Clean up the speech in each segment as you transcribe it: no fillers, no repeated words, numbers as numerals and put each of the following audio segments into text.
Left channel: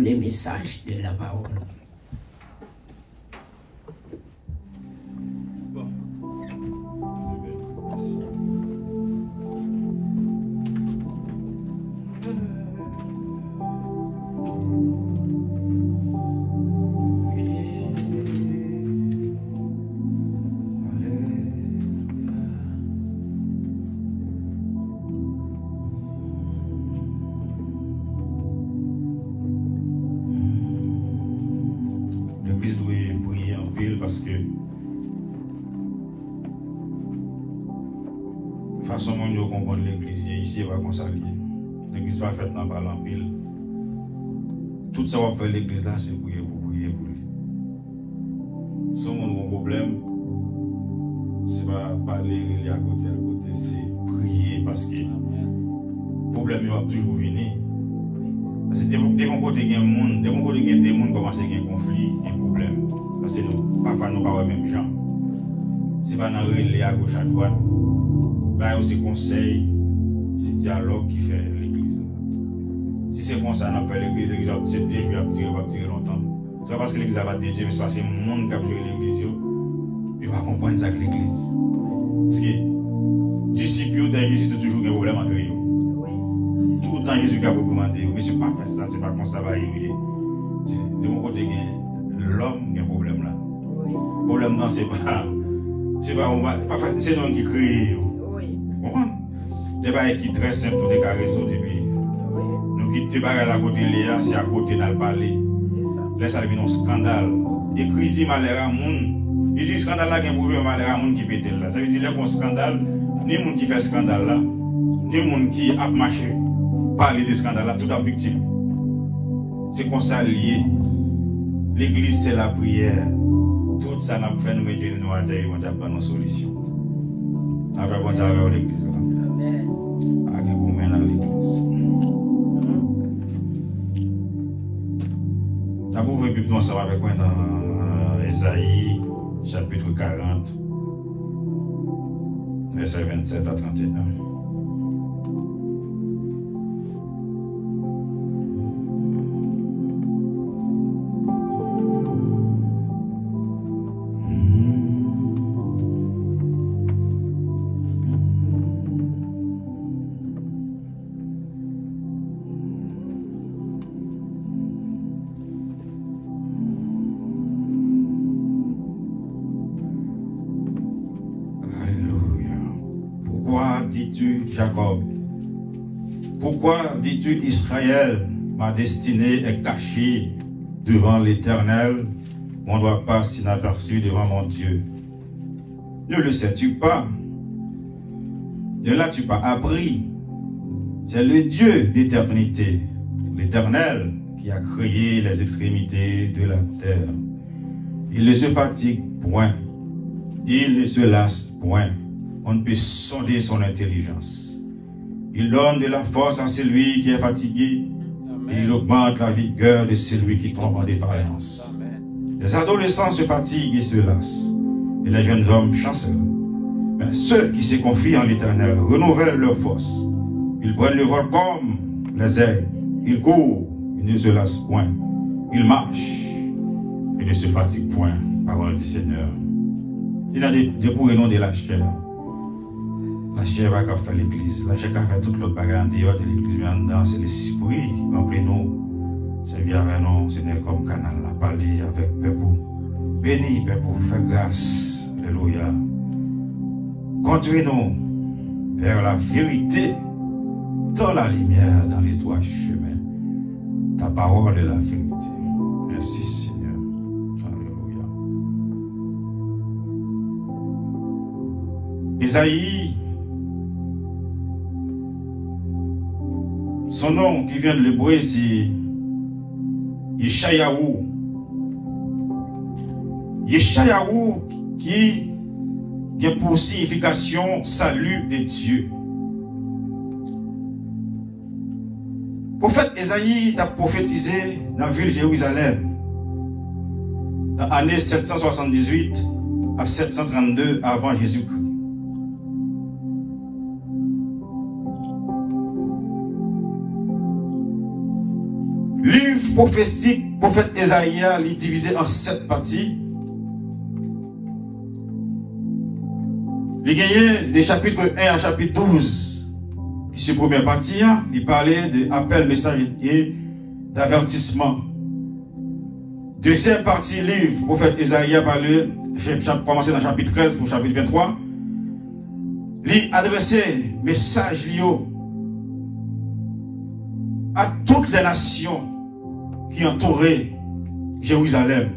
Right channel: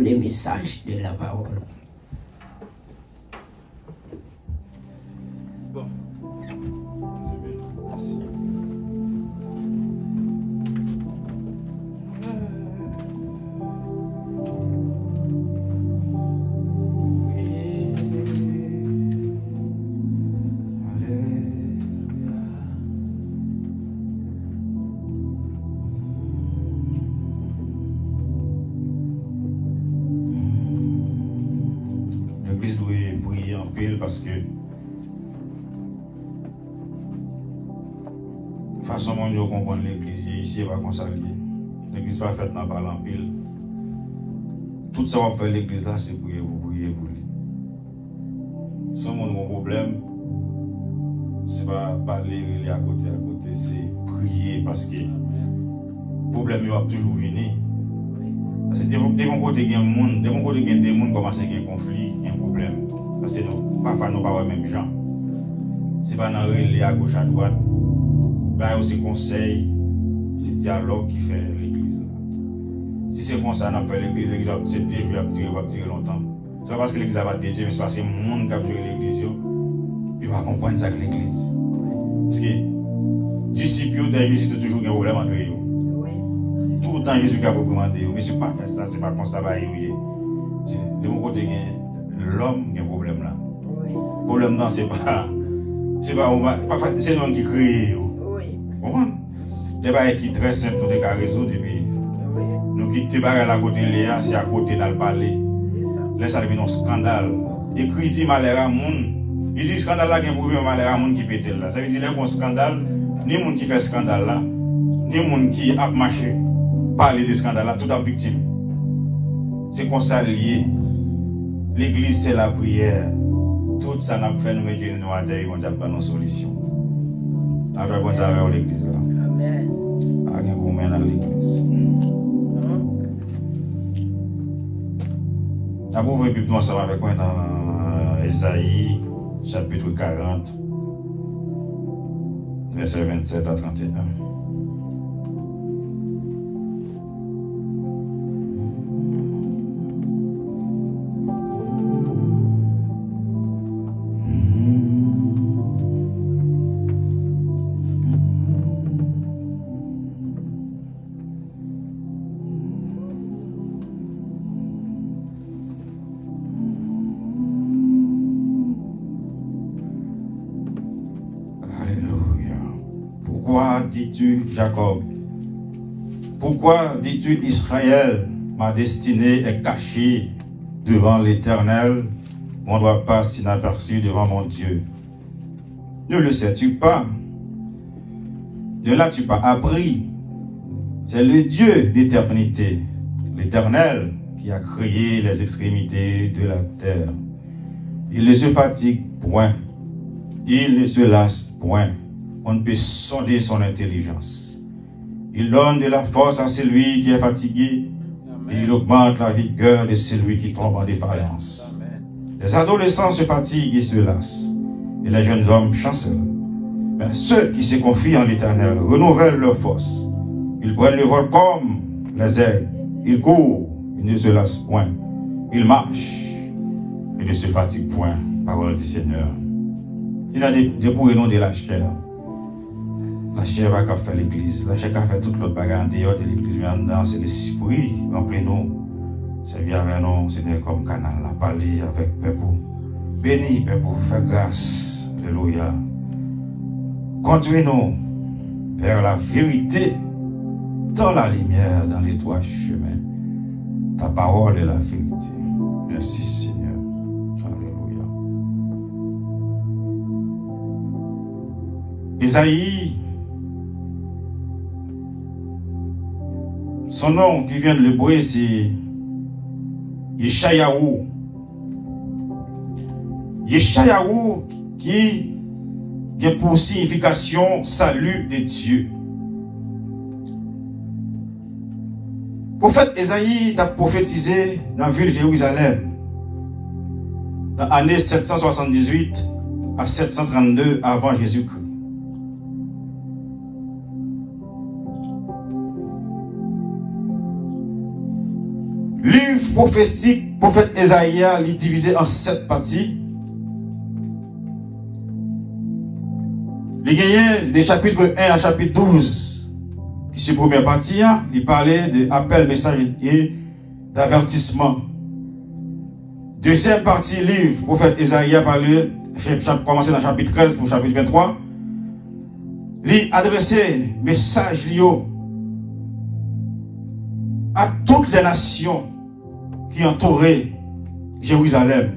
les messages de la parole. Bon. Merci. Parce que de toute façon, on comprend l'église ici, va consacrer. L'église va faire dans le en pile. Tout ça va faire l'église là, c'est prier pour lui. Si on a un problème, c'est pas parler à côté, c'est prier parce que le problème va toujours venir. Parce que de mon côté, il y a des gens qui commencent à avoir un conflit, un problème. Parce que parfois nous ne parlons pas même gens. Ce n'est pas dans le relais à gauche à droite. Bah, c'est conseil, c'est dialogue qui fait l'église. Si c'est comme ça, on fait l'église, c'est Dieu qui va tirer longtemps. Ce n'est pas parce que l'église va pas Dieu, mais c'est parce que le monde qui a joué l'église, il va comprendre ça que l'église. Parce que disciples de Jésus, c'est toujours un problème entre eux. Tout le temps, Jésus a recommandé, mais ce n'est pas faire ça, ce n'est pas comme ça, de mon côté, l'homme qui a un problème là. Le problème là, c'est pas l'homme qui crée. Des choses qui sont très simples, tout est résoudre. Nous qui sommes à côté de Léa, c'est à côté dans le palais. Là, ça devient un scandale. Et Christ malheur à monde. Il dit scandale là, il y a un problème malheur à monde qui pète là. Ça veut dire qu'il y a un scandale, ni le monde qui fait scandale là, ni le monde qui a marché, parler de scandale là, tout en victime. C'est comme ça lié. L'église, c'est la prière. Tout ça n'a pas fait nous mettre nous à terre, on a pas nos solutions. Après, on a l'église. Amen. Avec combien dans l'église. D'abord, vous pouvez ensemble avec moi dans Ésaïe, chapitre 40, verset 27 à 31. Dis-tu Jacob? Pourquoi dis-tu Israël? Ma destinée est cachée devant l'Éternel. On ne doit pas s'inaperçu devant mon Dieu. Ne le sais-tu pas? De là tu pas appris. C'est le Dieu d'éternité, l'Éternel qui a créé les extrémités de la terre. Il ne se fatigue point. Il ne se lasse point. On ne peut sonder son intelligence. Il donne de la force à celui qui est fatigué et il augmente la vigueur de celui qui tombe en défaillance. Les adolescents se fatiguent et se lassent et les jeunes hommes chancellent. Mais ceux qui se confient en l'Éternel renouvellent leur force. Ils prennent le vol comme les aigles. Ils courent, ils ne se lassent point. Ils marchent et ne se fatiguent point. Parole du Seigneur. Il y a des pourrits de la chair. La chair va faire l'église. La chair va faire toute l'autre bagarre en dehors de l'église. Mais en dedans, c'est l'esprit. Remplis-nous. Servir avec nous. C'est comme canal. Parler avec peuple. Bénis, peuple. Fais grâce. Alléluia. Conduis-nous vers la vérité. Dans la lumière, dans les droits chemins. Ta parole est la vérité. Merci, Seigneur. Alléluia. Ésaïe, son nom qui vient de l'hébreu, c'est Yeshayahu. Yeshayahu qui a pour signification salut de Dieu. Le prophète Ésaïe a prophétisé dans la ville de Jérusalem dans l'année 778 à 732 avant Jésus-Christ. livre prophétique, prophète Esaïe, il est divisé en 7 parties. Il y a des chapitres 1 à chapitre 12. Ici, première partie, il parlait de appel, message et d'avertissement. Deuxième partie, livre, prophète Esaïe parlait, commencé dans le chapitre 13 pour le chapitre 23. Il adressait message lié à toutes les nations qui entouraient Jérusalem.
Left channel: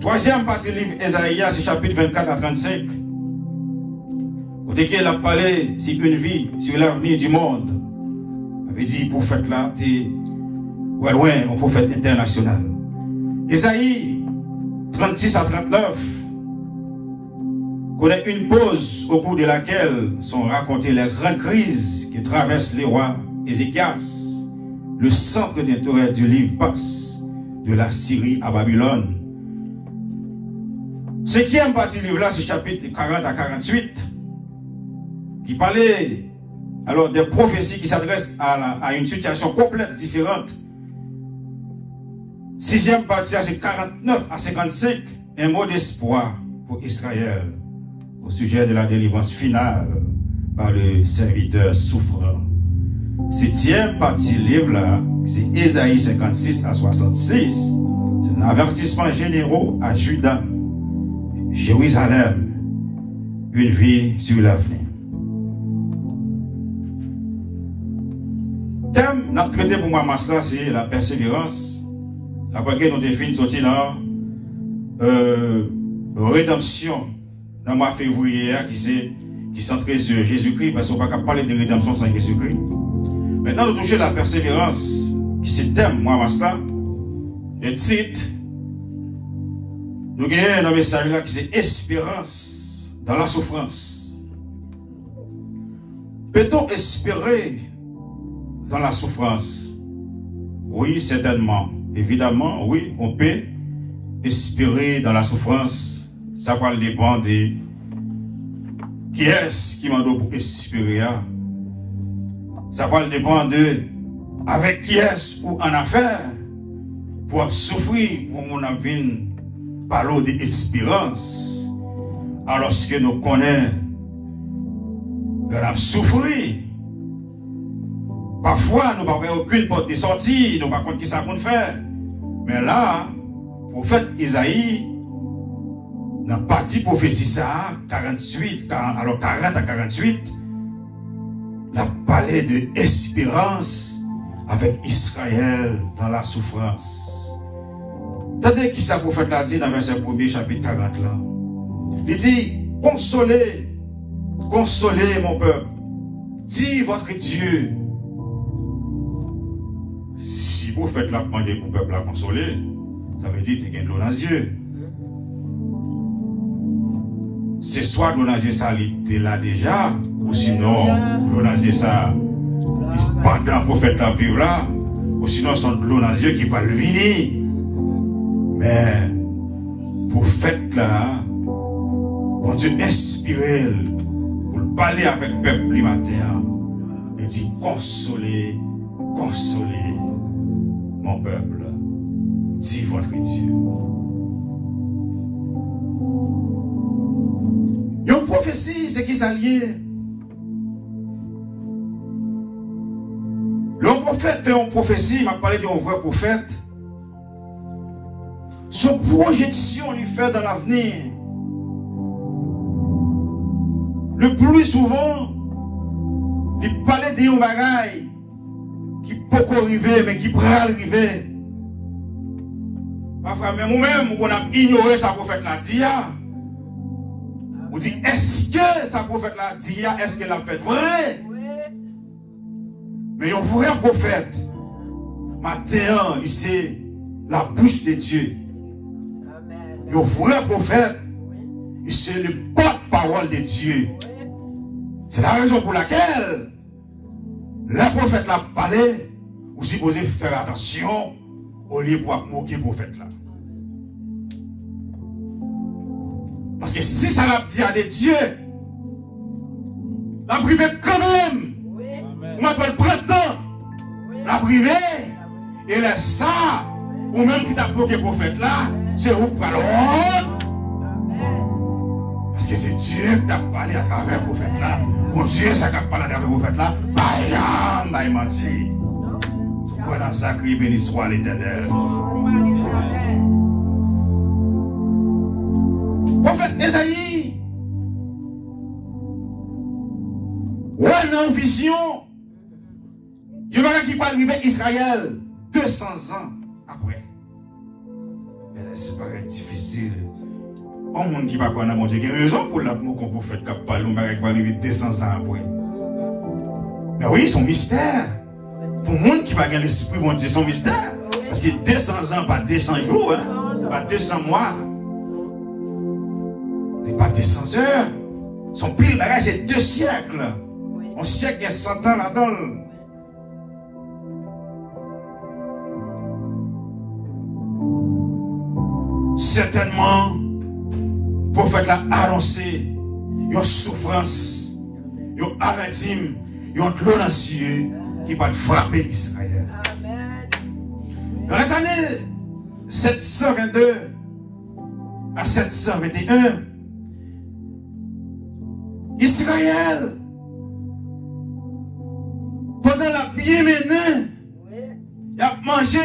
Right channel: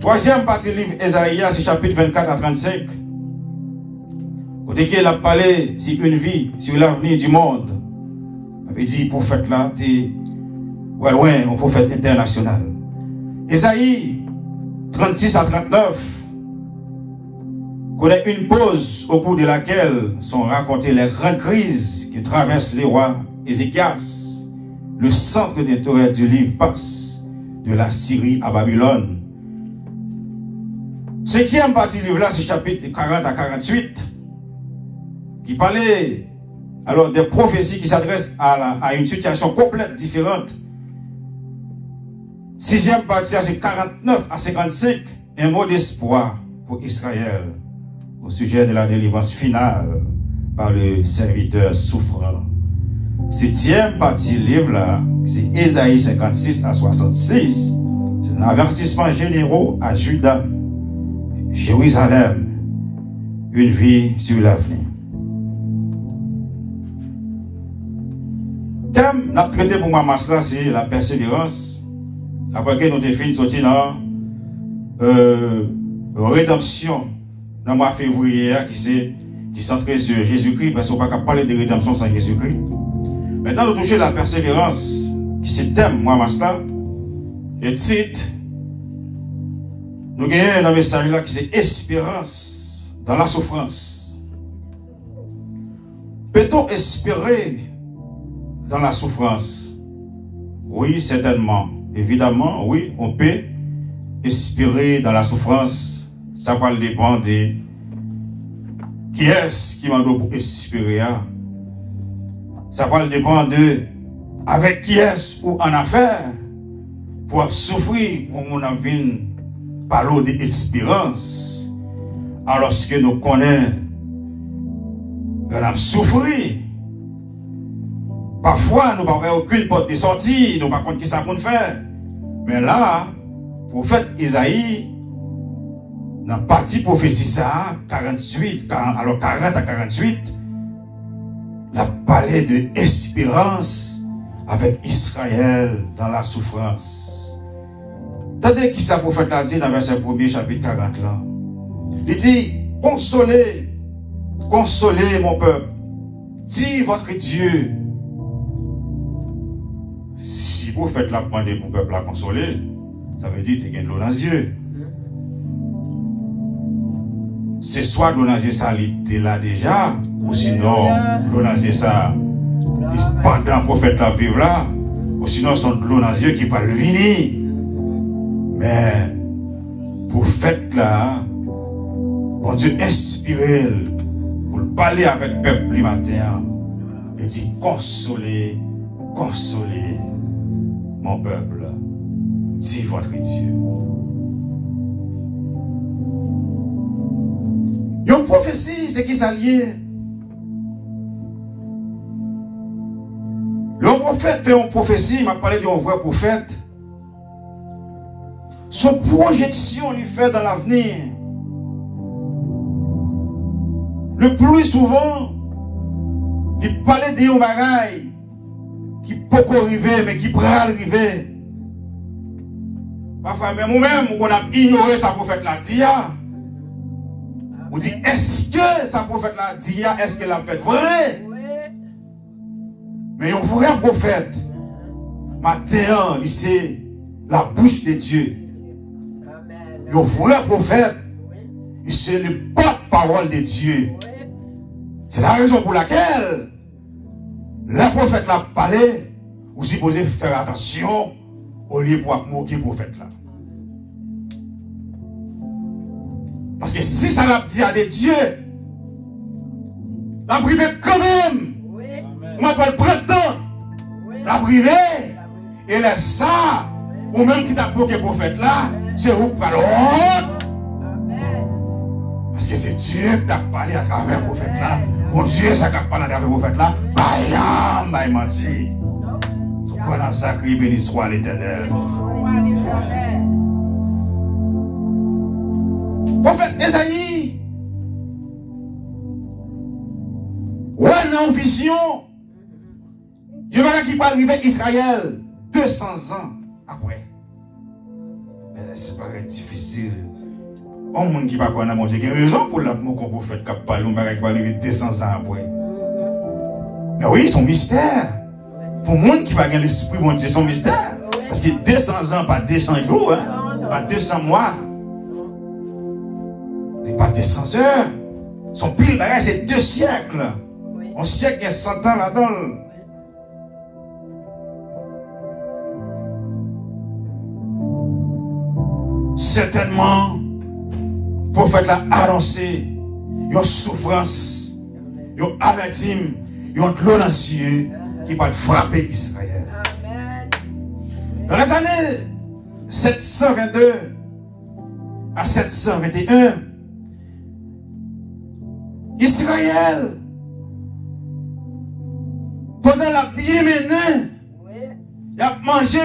Troisième partie, livre Esaïe, c'est chapitre 24 à 35. Côté qu'il a parlé sur une vie, sur l'avenir du monde. Il avait dit, prophète là, t'es loin, un prophète international. Esaïe 36 à 39 connaît une pause au cours de laquelle sont racontées les grandes crises qui traversent les rois Ézéchias. Le centre d'intérêt du livre passe de la Syrie à Babylone. Ce qui est en partie du livre là, c'est chapitre 40 à 48. Qui parlait alors des prophéties qui s'adressent à une situation complètement différente. Sixième partie, c'est 49 à 55, un mot d'espoir pour Israël au sujet de la délivrance finale par le serviteur souffrant. Septième partie livre là, c'est Ésaïe 56 à 66, c'est un avertissement généraux à Juda, Jérusalem, une vie sur l'avenir. Thème n'a traité pour moi là, c'est la persévérance. Après que nous avons fini sorti dans rédemption dans le mois de février qui centré sur Jésus-Christ, parce qu'on ne peut pas parler de rédemption sans Jésus-Christ. Maintenant, nous touchons la persévérance, qui c'est thème, moi, là. Et titre, nous avons un message là qui c'est espérance dans la souffrance. Peut-on espérer dans la souffrance? Oui, certainement. Évidemment, oui, on peut espérer dans la souffrance. Ça va dépendre de qui est-ce qui m'a donné pour espérer. Ça va dépendre de avec qui est-ce ou en affaire pour souffrir, pour on a vu parler d'espérance. Alors que nous connaissons de la souffrir. Parfois, nous n'avons aucune porte de sortie, nous ne savons pas qui ça peut faire. Mais là, le prophète Esaïe, dans la partie prophétie, ça, 40 à 48, il a parlé de espérance avec Israël dans la souffrance. Attendez qui ça, le prophète a dit dans le verset 1er, chapitre 40 là. Il dit, consolez, consolez mon peuple, dit votre Dieu. Si vous faites la demande pour le peuple à consoler, ça veut dire que vous avez de l'eau dans les yeux. C'est soit l'eau dans les yeux, ça l'était là déjà, ou sinon l'eau dans les yeux, ça, pendant le prophète la vivre là, ou sinon c'est de l'eau dans les yeux qui va le venir. Mais, pour faites là, bon Dieu inspiré pour parler avec le peuple du matin, il dit consolez, consolez mon peuple, dit votre Dieu. Une prophétie, c'est qui s'allie. Le prophète fait une prophétie, il m'a parlé d'un vrai prophète. Son projection lui fait dans l'avenir. Le plus souvent, il parlait d'un bagaille qui peut arriver, mais qui pourra arriver. Parfois, même nous-mêmes, on a ignoré sa prophète la dia. On dit, est-ce que sa prophète la dia, est-ce qu'elle a fait vrai? Mais un vrai prophète, maintenant, c'est la bouche de Dieu. Le vrai prophète, c'est le porte-parole de Dieu. C'est la raison pour laquelle le prophète l'a parlé, vous supposez faire attention au lieu pour moquer le prophète là. Parce que si ça l'a dit à des dieux, la privé quand même, on m'appelle printemps, la privé, Et là, ça, ou même qui t'a bloqué prophète là, c'est vous qui parlez. Parce que c'est Dieu qui t'a parlé à travers le prophète là. Bon Dieu, ça t'a parlé à travers le prophète là. Bah, il menti. Tu crois dans ça, qui béni soit l'Éternel. Prophète Esaïe, ouais, non, vision. Je verrai qui va arriver Israël 200 ans après. Mais c'est pas difficile. On monde qui va connaître mon Dieu, il y a raison pour l'amour qu'on peut faire qui parle, on va arriver 200 ans après. Mais oui, son mystère. Pour le monde qui va gagner l'esprit, mon Dieu, son mystère. Parce que 200 ans, pas 200 jours, hein, pas 200 mois. Et pas 200 heures. Son pile, c'est 2 siècles. Un siècle et 100 ans là-dedans. Certainement, le prophète a annoncé une souffrance, une amertume, une clôt dans les cieux qui va frapper Israël. Dans les années 722 à 721, Israël, pendant la bien menée, il a mangé,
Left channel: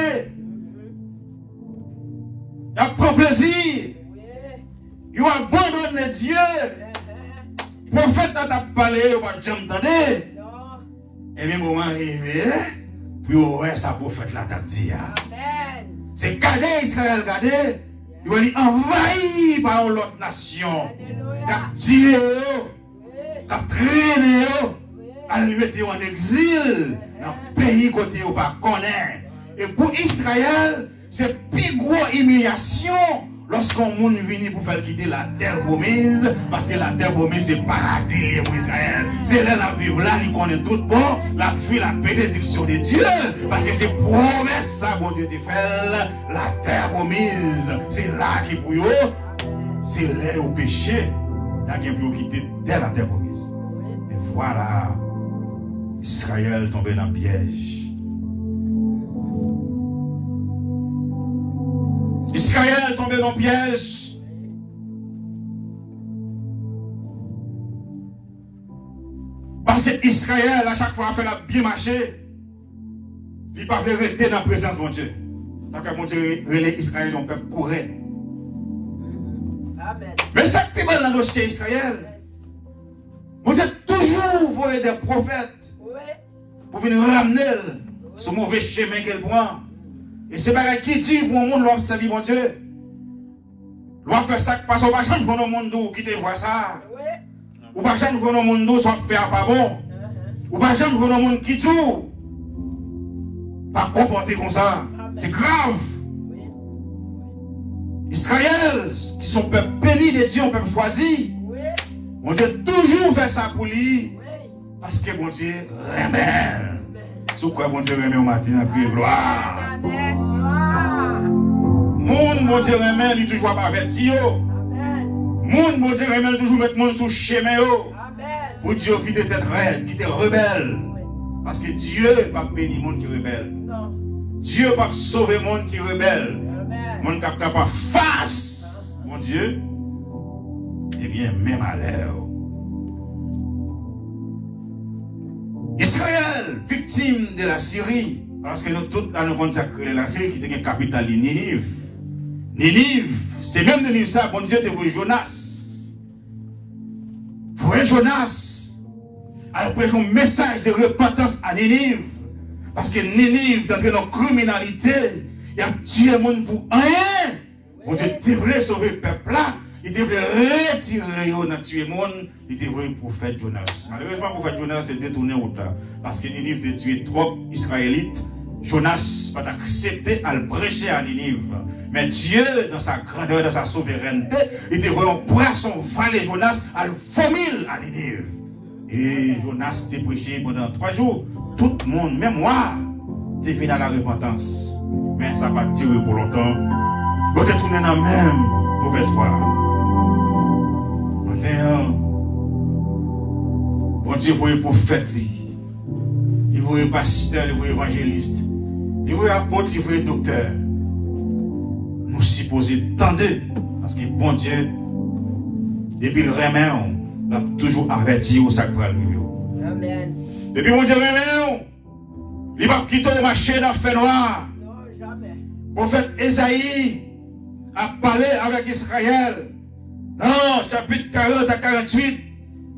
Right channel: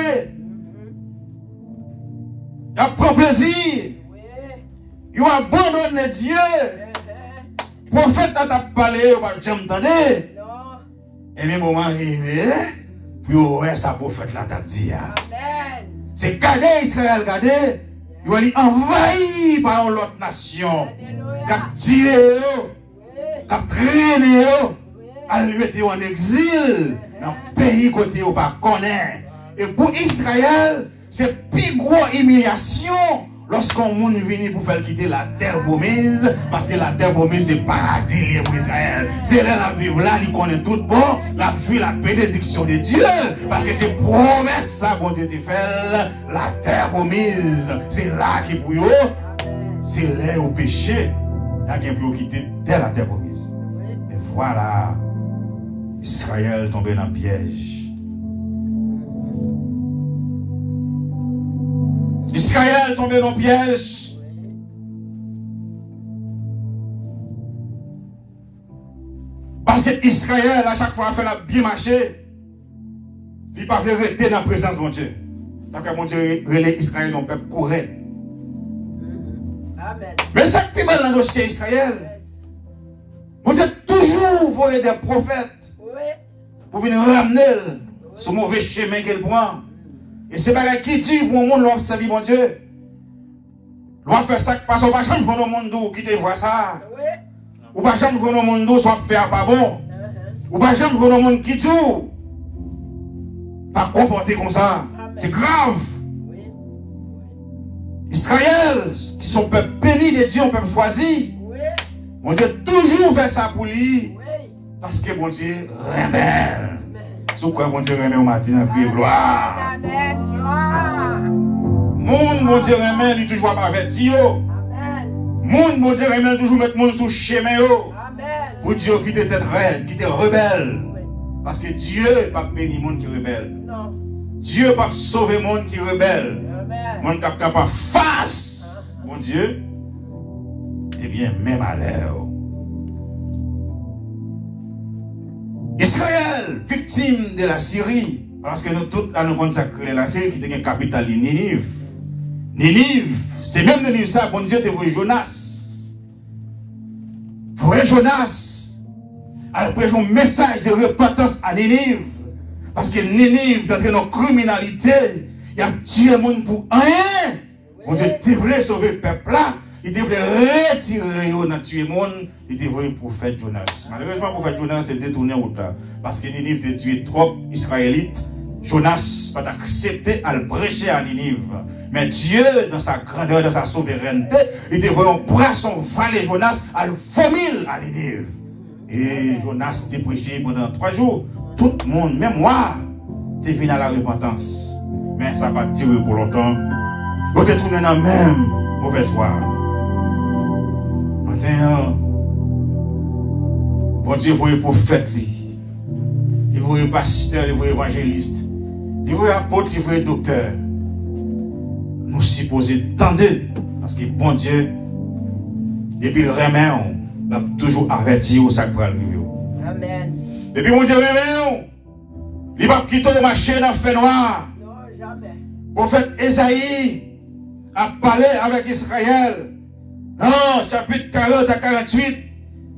il a pris plaisir, il a abandonné Dieu. Le prophète a parlé, il va jamais entendre. Et même au moment arrivé, puis ouais, ça prophète là t'a dit. C'est garder Israël, garder. Il va dire envahi par l'autre nation. Capturé, traîné, à le mettre en exil dans le pays côté où on connaît. Et pour Israël, c'est plus grosse humiliation lorsqu'on monde vient pour faire quitter la terre promise, parce que la terre promise c'est paradis pour Israël. C'est là la Bible, là, il connaît tout bon, la jouit la bénédiction de Dieu, parce que c'est promesse ça, bon Dieu te fait, la terre promise, c'est là qui pour eux, c'est là au péché, là qui pour quitter dès la terre promise. Et voilà, Israël tombé dans le piège. Israël tombé dans le piège. Parce que Israël, à chaque fois, a fait la bien marcher. Il ne peut pas rester dans la présence de mon Dieu. Tant que mon Dieu relève Israël, on peut courir. Mais ça qui est dans le dossier Israël, mon Dieu toujours voyait des prophètes pour venir ramener ce mauvais chemin qu'elle prend. Et c'est pas qui dit pour le monde, l'on observe mon Dieu. L'on fait ça parce qu'on va jamais voir le monde qui te voit ça. Ou pas jamais voir le monde soit faire pas bon. Ou pas jamais voir le monde qui tout. Pas comporter comme ça. C'est grave. Israël, qui sont peuple béni de Dieu, un peuple choisi. Mon Dieu toujours fait ça pour lui. Parce que mon Dieu rebelle. Sous quoi mon Dieu remet au matin, puis gloire. Mon Dieu remet, il toujours pas averti. Mon Dieu remet, toujours mettre mon sous chemin. Pour Dieu qui était raide, qui était rebelle. Parce que Dieu n'est pas béni le monde qui est rebelle. Dieu n'est pas sauver le monde qui est rebelle. Le monde qui est capable face, mon Dieu, eh bien, même à l'air. Israël, victime de la Syrie, parce que nous tous, là, nous consacrons la Syrie qui était une capitale de Ninive. Ninive, c'est même Ninive ça, bon Dieu, devrait Jonas. Frère Jonas, après un message de repentance à Ninive, parce que Ninive, dans notre criminalité, il a tué le monde pour rien. Bon Dieu devrait sauver le peuple là. Il devrait retirer le tuer le monde. Il devrait le prophète Jonas. Malheureusement, le prophète Jonas s'est détourné au temps. Parce que Ninive a tué trop Israélites. Jonas va accepter à le prêcher à Ninive. Mais Dieu, dans sa grandeur, dans sa souveraineté, il devrait prendre son valet Jonas à le vomir à Ninive. Et Jonas a prêché pendant 3 jours. Tout le monde, même moi, est venu à la repentance. Mais ça va tirer pour longtemps. Vous êtes tourné dans la même mauvaise voie. Maintenant, bon Dieu, vous voyez prophète, il voyait pasteur, il voyait évangéliste. Les vrais apôtres, les vrais docteurs, nous supposons tant d'eux. Parce que bon Dieu, depuis le remède, il a toujours averti où ça va arriver. Amen. Depuis mon Dieu remède, il va quitter le marché dans le fait noir. Non, jamais. Le prophète Esaïe a parlé avec Israël. Dans chapitre 40 à 48,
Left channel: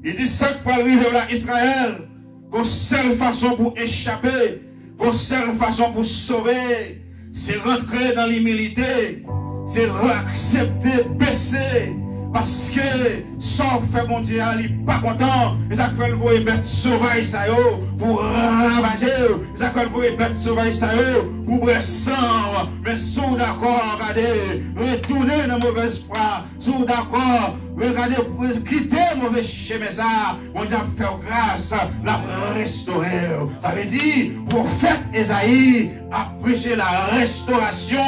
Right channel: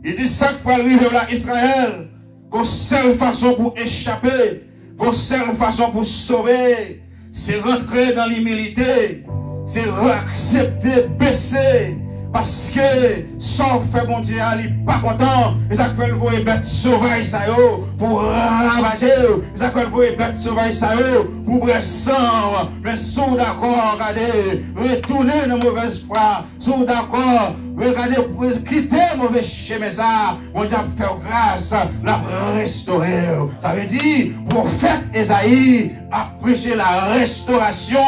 il dit ça pour arriver à Israël. Qu'une seule façon pour échapper, qu'une seule façon pour sauver, c'est rentrer dans l'humilité, c'est accepter, baisser. Parce que sans fait mon Dieu, il n'est pas content. Ils appellent vous les bêtes sauvages pour ravager. Ils appellent vous les bêtes sauvages pour brûler sang. Mais sous d'accord, regardez, retournez nos mauvaises foi. Sous d'accord, regardez, pour quitter mauvais chemin ça. On Dieu a fait grâce, l'a restauré. Ça veut dire, prophète Esaïe a prêché la restauration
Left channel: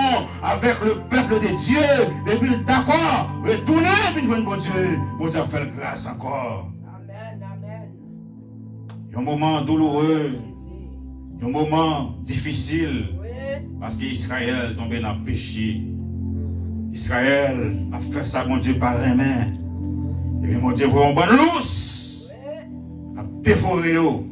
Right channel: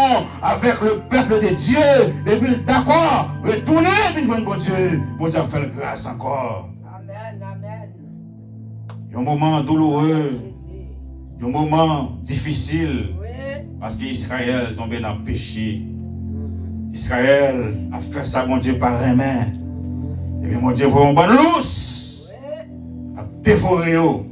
avec le peuple de Dieu. Et puis d'accord, retournez. Bon Dieu, bon Dieu a fait grâce encore. Amen, amen. Il y a un moment douloureux, il y a un moment difficile, Oui. parce qu'Israël est tombé dans le péché. Israël a fait ça, mon Dieu, par les mains. Et bien, mon Dieu, pour un bon lousse, a dévoré eux.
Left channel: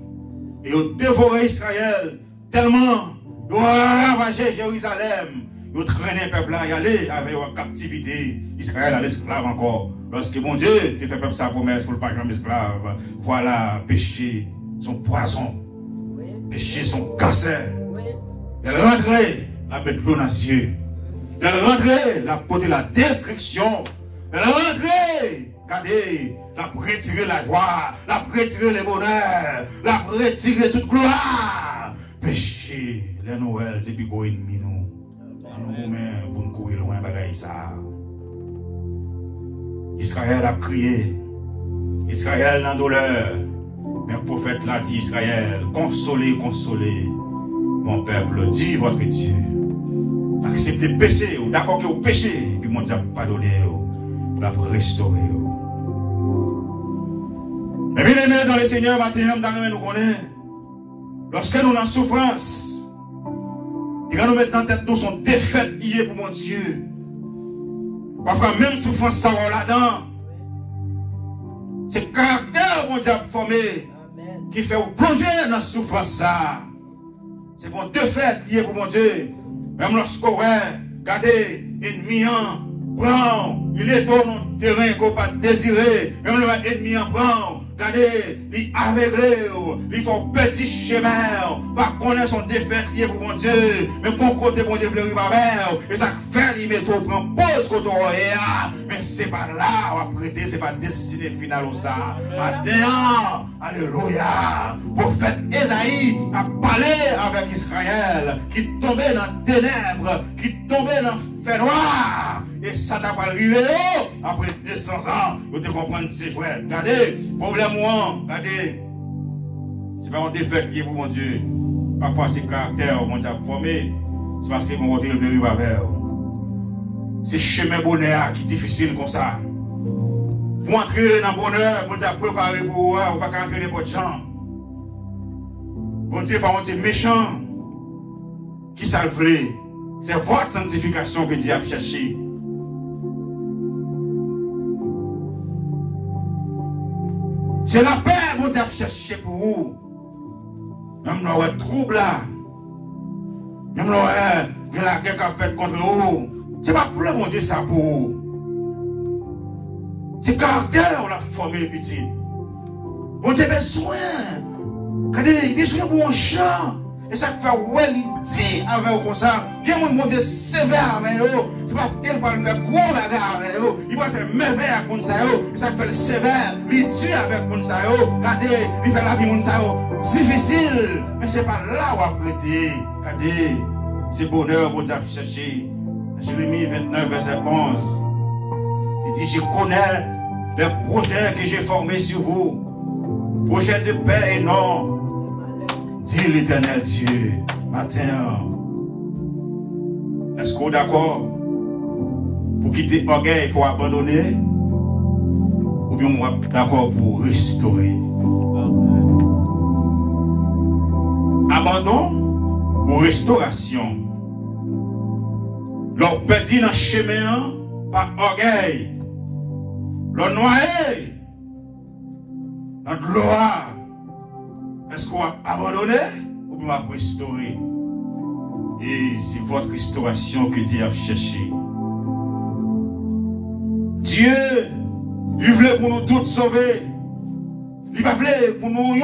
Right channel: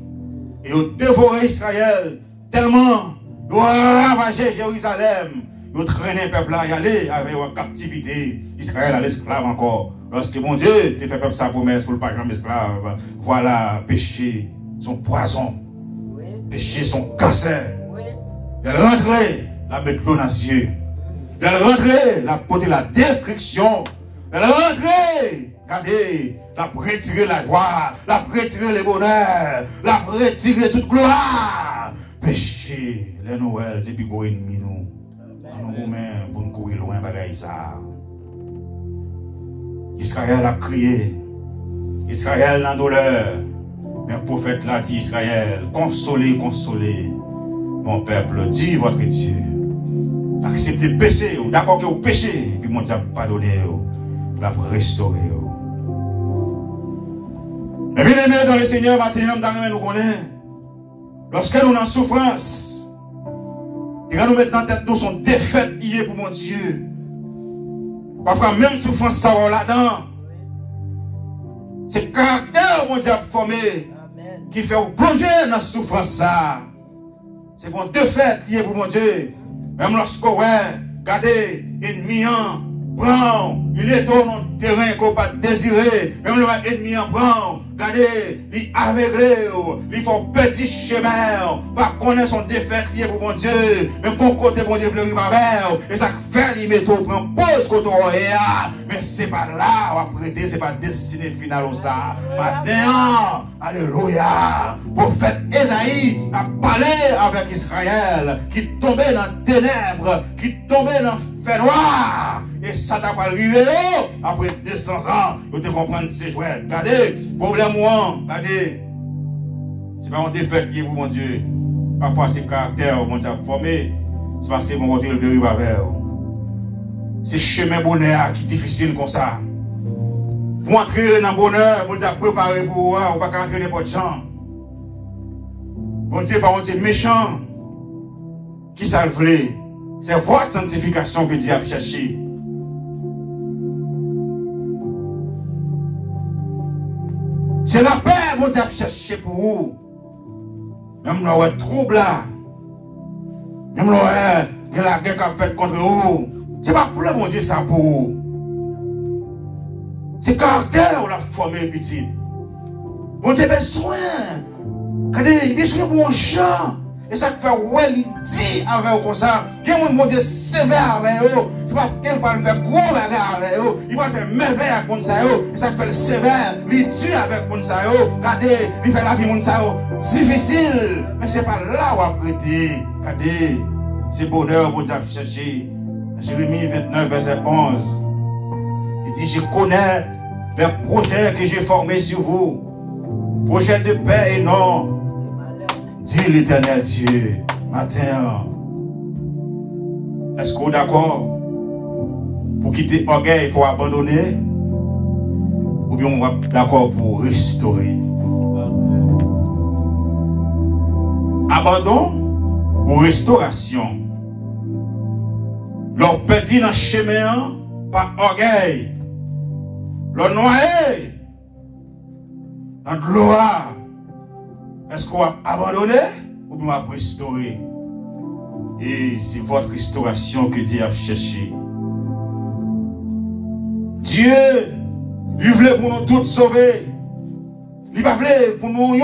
Et ils ont dévoré Israël tellement, ils ont ravagé Jérusalem. Ils ont traîné le peuple à y aller avec en captivité. Israël à l'esclave encore. Lorsque mon Dieu te fait peuple sa promesse pour le pas jamais esclave. Voilà, péché, son poison. Oui. Péché, son cancer. Oui. Elle rentrait, la bête l'eau dans les yeux. Elle rentrait, la porter la destruction. Elle rentrait, regardez, la retirer la joie, la retirer le bonheur, la retirer toute gloire. Péché, les Noël, c'est plus gros ennemi nous. Nous-mêmes, pour nous courir loin, bagaille ça. Israël a crié. Israël dans la douleur. Mais le prophète l'a dit, Israël, consolez, consolez. Mon peuple, dit votre Dieu. Acceptez le péché, ou d'accord que vous péchez, puis mon Dieu a pardonné, la restaurer. Mais bien aimé dans le Seigneur, maintenant, nous connaissons. Lorsque nous sommes en souffrance, et quand nous mettons en tête, nous sommes défaites liées pour mon Dieu. Parfois, même souffrance, ça va là-dedans. C'est le caractère, mon Dieu, formé, qui fait plonger dans la souffrance. C'est pour défaite liée pour mon Dieu. Même lorsqu'on regardez, ennemi prend, il est dans le terrain qu'on ne peut pas désirer. Même l'ennemi en prend. Regardez, il aveuglé, il faut petit chemin, pas connaître son défaite lié pour mon Dieu, mais pour côté mon Dieu, il va vers, et ça fait, il met tout, prend pause, côté mais c'est pas là, on va prêter, c'est pas destiné final au ça. Matin, alléluia, prophète Esaïe a parlé avec Israël, qui tombait dans les ténèbres, qui tombait dans le fait noir. Et ça t'a pas arrivé après 200 ans, vous te comprendre ces jouets. Regardez, problème moi, regardez. C'est pas un défaite qui est pour mon Dieu. Parfois c'est caractère, mon Dieu a formé. C'est parce que mon côté de rive vers. C'est chemin bonheur qui est difficile comme ça. Pour entrer dans le bonheur, mon Dieu a préparé pour vous, on ne peut pas entrer n'importe quel gens. Mon Dieu, pas mon Dieu méchant. Qui ça le voulait? C'est votre sanctification que Dieu a cherché. C'est la paix, mon Dieu, a cherché pour vous. Même le trouble là. Même la guerre qu'a fait contre vous. C'est pas pour le mon Dieu, ça pour vous. C'est caractère, on a formé petit. Mon Dieu, besoin. Regardez, besoin pour un chant. Et ça fait ouais, il dit avec eux comme ça. Bien, mon Dieu, sévère avec eux. C'est parce qu'il va le faire gros bagarre avec eux. Il va faire merveille avec ça. Et ça fait le sévère. Il tue avec ça. Regardez, il fait la vie de ça. Difficile. Mais c'est pas là où on a prêté. Regardez, c'est bonheur pour Dieu chercher. Jérémie 29, verset 11. Il dit, je connais les projets que j'ai formés sur vous. Projets de paix et non. Dit l'Éternel Dieu, matin. Est-ce qu'on est d'accord? Pour quitter l'orgueil, il faut abandonner? Ou bien on va d'accord pour restaurer? Abandon pour restauration. Leur petit dans le chemin par orgueil. Leur noyé dans de l'eau. Est-ce qu'on va abandonner ou bien on va restaurer? Et c'est votre restauration que Dieu a cherché. Dieu, il voulait pour nous tous sauver. Il va voulait pour nous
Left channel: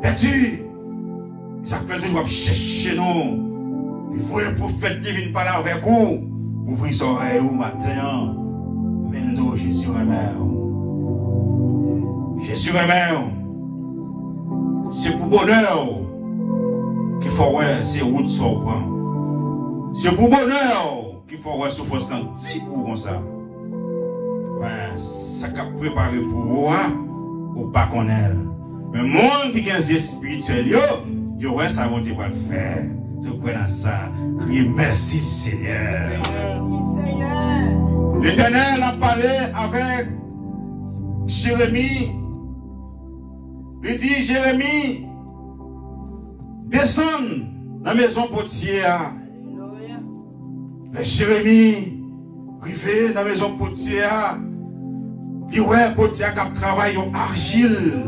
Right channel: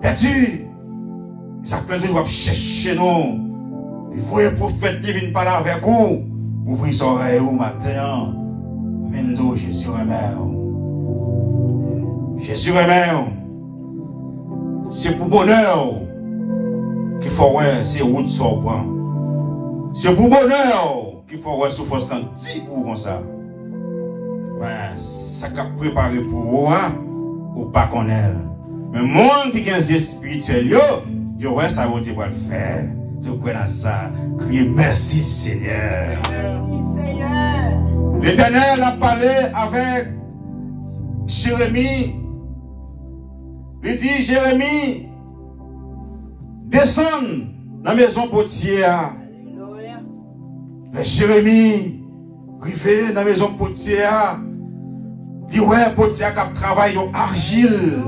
perdus. Ça fait que nous chercher nous. Il faut un prophète divin parler avec vous. Ouvrir son oreille au matin. Mendo, Jésus remet. Jésus remet. C'est pour bonheur qu'il faut ouais, c'est route sur le point. C'est pour bonheur qu'il faut ouais, souffrance dans 10 pour comme ça. Ouais, ça qu'a préparé pour vous, ou pas qu'on est. Mais monde qui a un spirituel, yo ouais, ça va Dieu va le faire. Tu connais ça. Criez merci Seigneur. Merci Seigneur. L'Éternel a parlé avec Jérémie. Il dit, Jérémie, descends dans la maison potière. Jérémie, arrivé dans la maison potière. Il ouais, potière qui a travaillé en argile,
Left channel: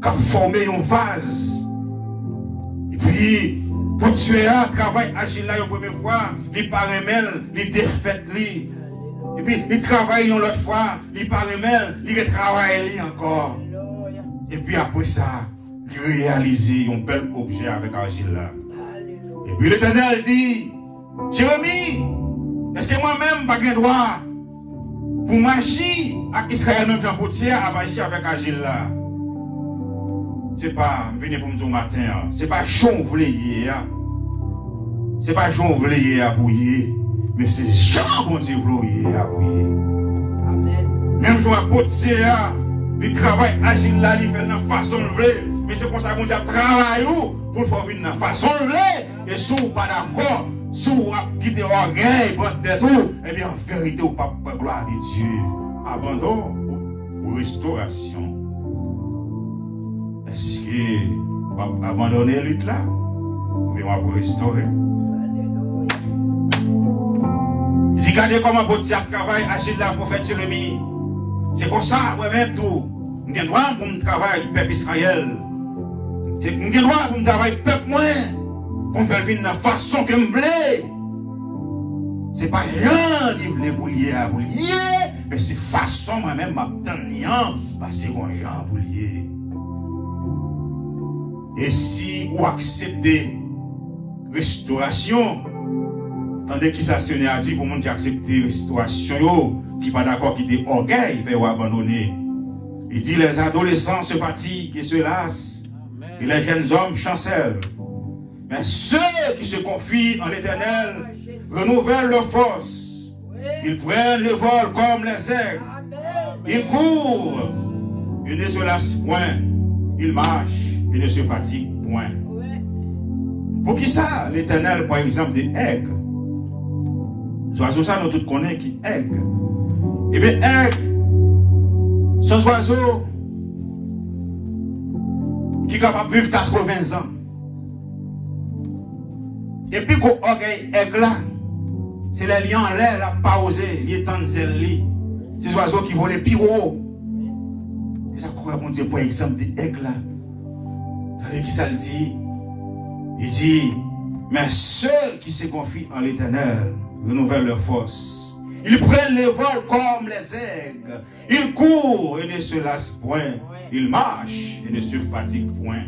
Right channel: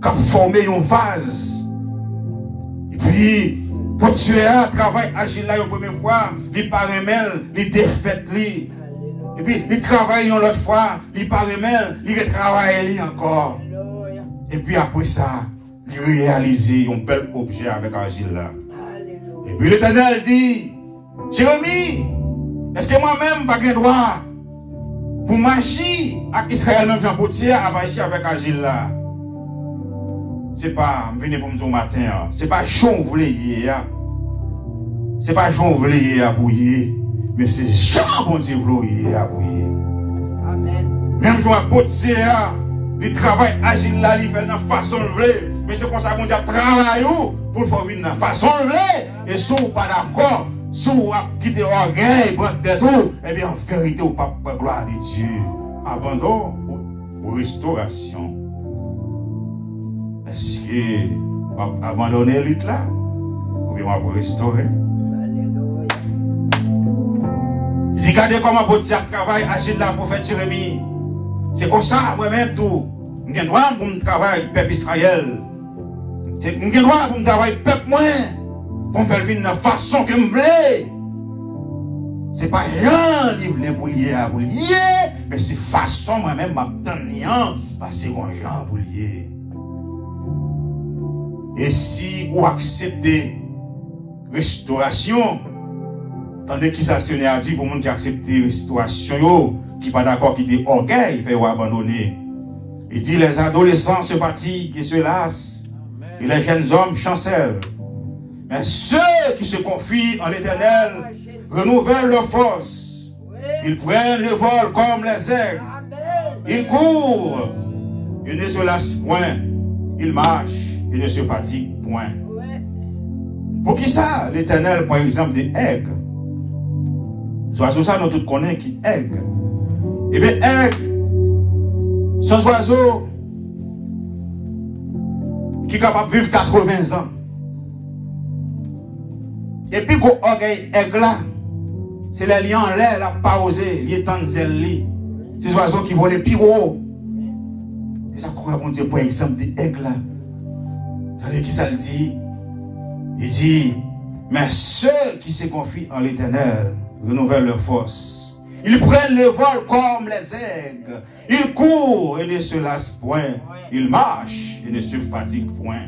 qui a formé un vase. Et puis, potière travaille argile là la première fois, il paraît même, il défait lui. Et puis, il travaille une autre fois, il paraît même, il retravaille encore. Et puis après ça, il réalise un bel objet avec argile là. Et puis l'Éternel dit, Jérémie, est-ce que moi-même pas de droit pour marcher avec Israël même Jean Potière à marcher avec argile là? C'est pas, venez pour me dire matin, c'est pas Jean voulez c'est pas Jean voulez à bouiller, mais c'est Jean qu'on dit voulez à bouiller. Amen. Même Jean Potière, il travaille agile là, il fait dans façon de mais c'est comme ça qu'on dit travail pour faire venir dans façon de et si vous pas d'accord, si vous quittez orgueil, votre tête, eh bien en vérité, vous pas gloire de Dieu. Abandon pour restauration. Est-ce que vous abandonner la lutte là? Ou bien vous restaurer? Si vous regardez comment votre travail agile là, prophète Jérémie, c'est comme ça, moi-même tout. Je suis droit pour me travailler peuple Israël. Je suis droit pour me travailler peuple moi. Pour me faire venir de la façon que je veux. Ce n'est pas rien qui voulait pour lier à vous lier, mais c'est façon moi-même m'attendre parce que c'est un gens pour lier. Et si vous acceptez restauration, tandis qu'il s'est a dit pour les gens qui acceptent restauration, qui pas d'accord, qui dit orgueil, ils vont abandonner. Il dit les adolescents se fatiguent et se lassent, et les jeunes hommes chancellent. Mais ceux qui se confient en l'Éternel renouvellent leur force. Ils prennent le vol comme les aigles. Ils courent et ne se lassent point. Ils marchent et ne se fatiguent point. Pour qui ça, l'Éternel, par exemple, des aigles? Oiseaux, ça, nous tous connaissons qui aigle. Eh bien, aigle, ce oiseau qui est capable de vivre 80 ans. Et puis, quand orgueil aigle là, c'est les lions en l'air, la pas osé, les temps de zèle. Ces oiseaux qui volent plus haut. C'est ça qu'on va dire, par exemple, des aigles là. Regardez qui ça le dit. Il dit, mais ceux qui se confient en l'Éternel renouvellent leur force. Ils prennent le vol comme les aigles. Ils courent et ne se lassent point. Ils marchent et ne se fatiguent point.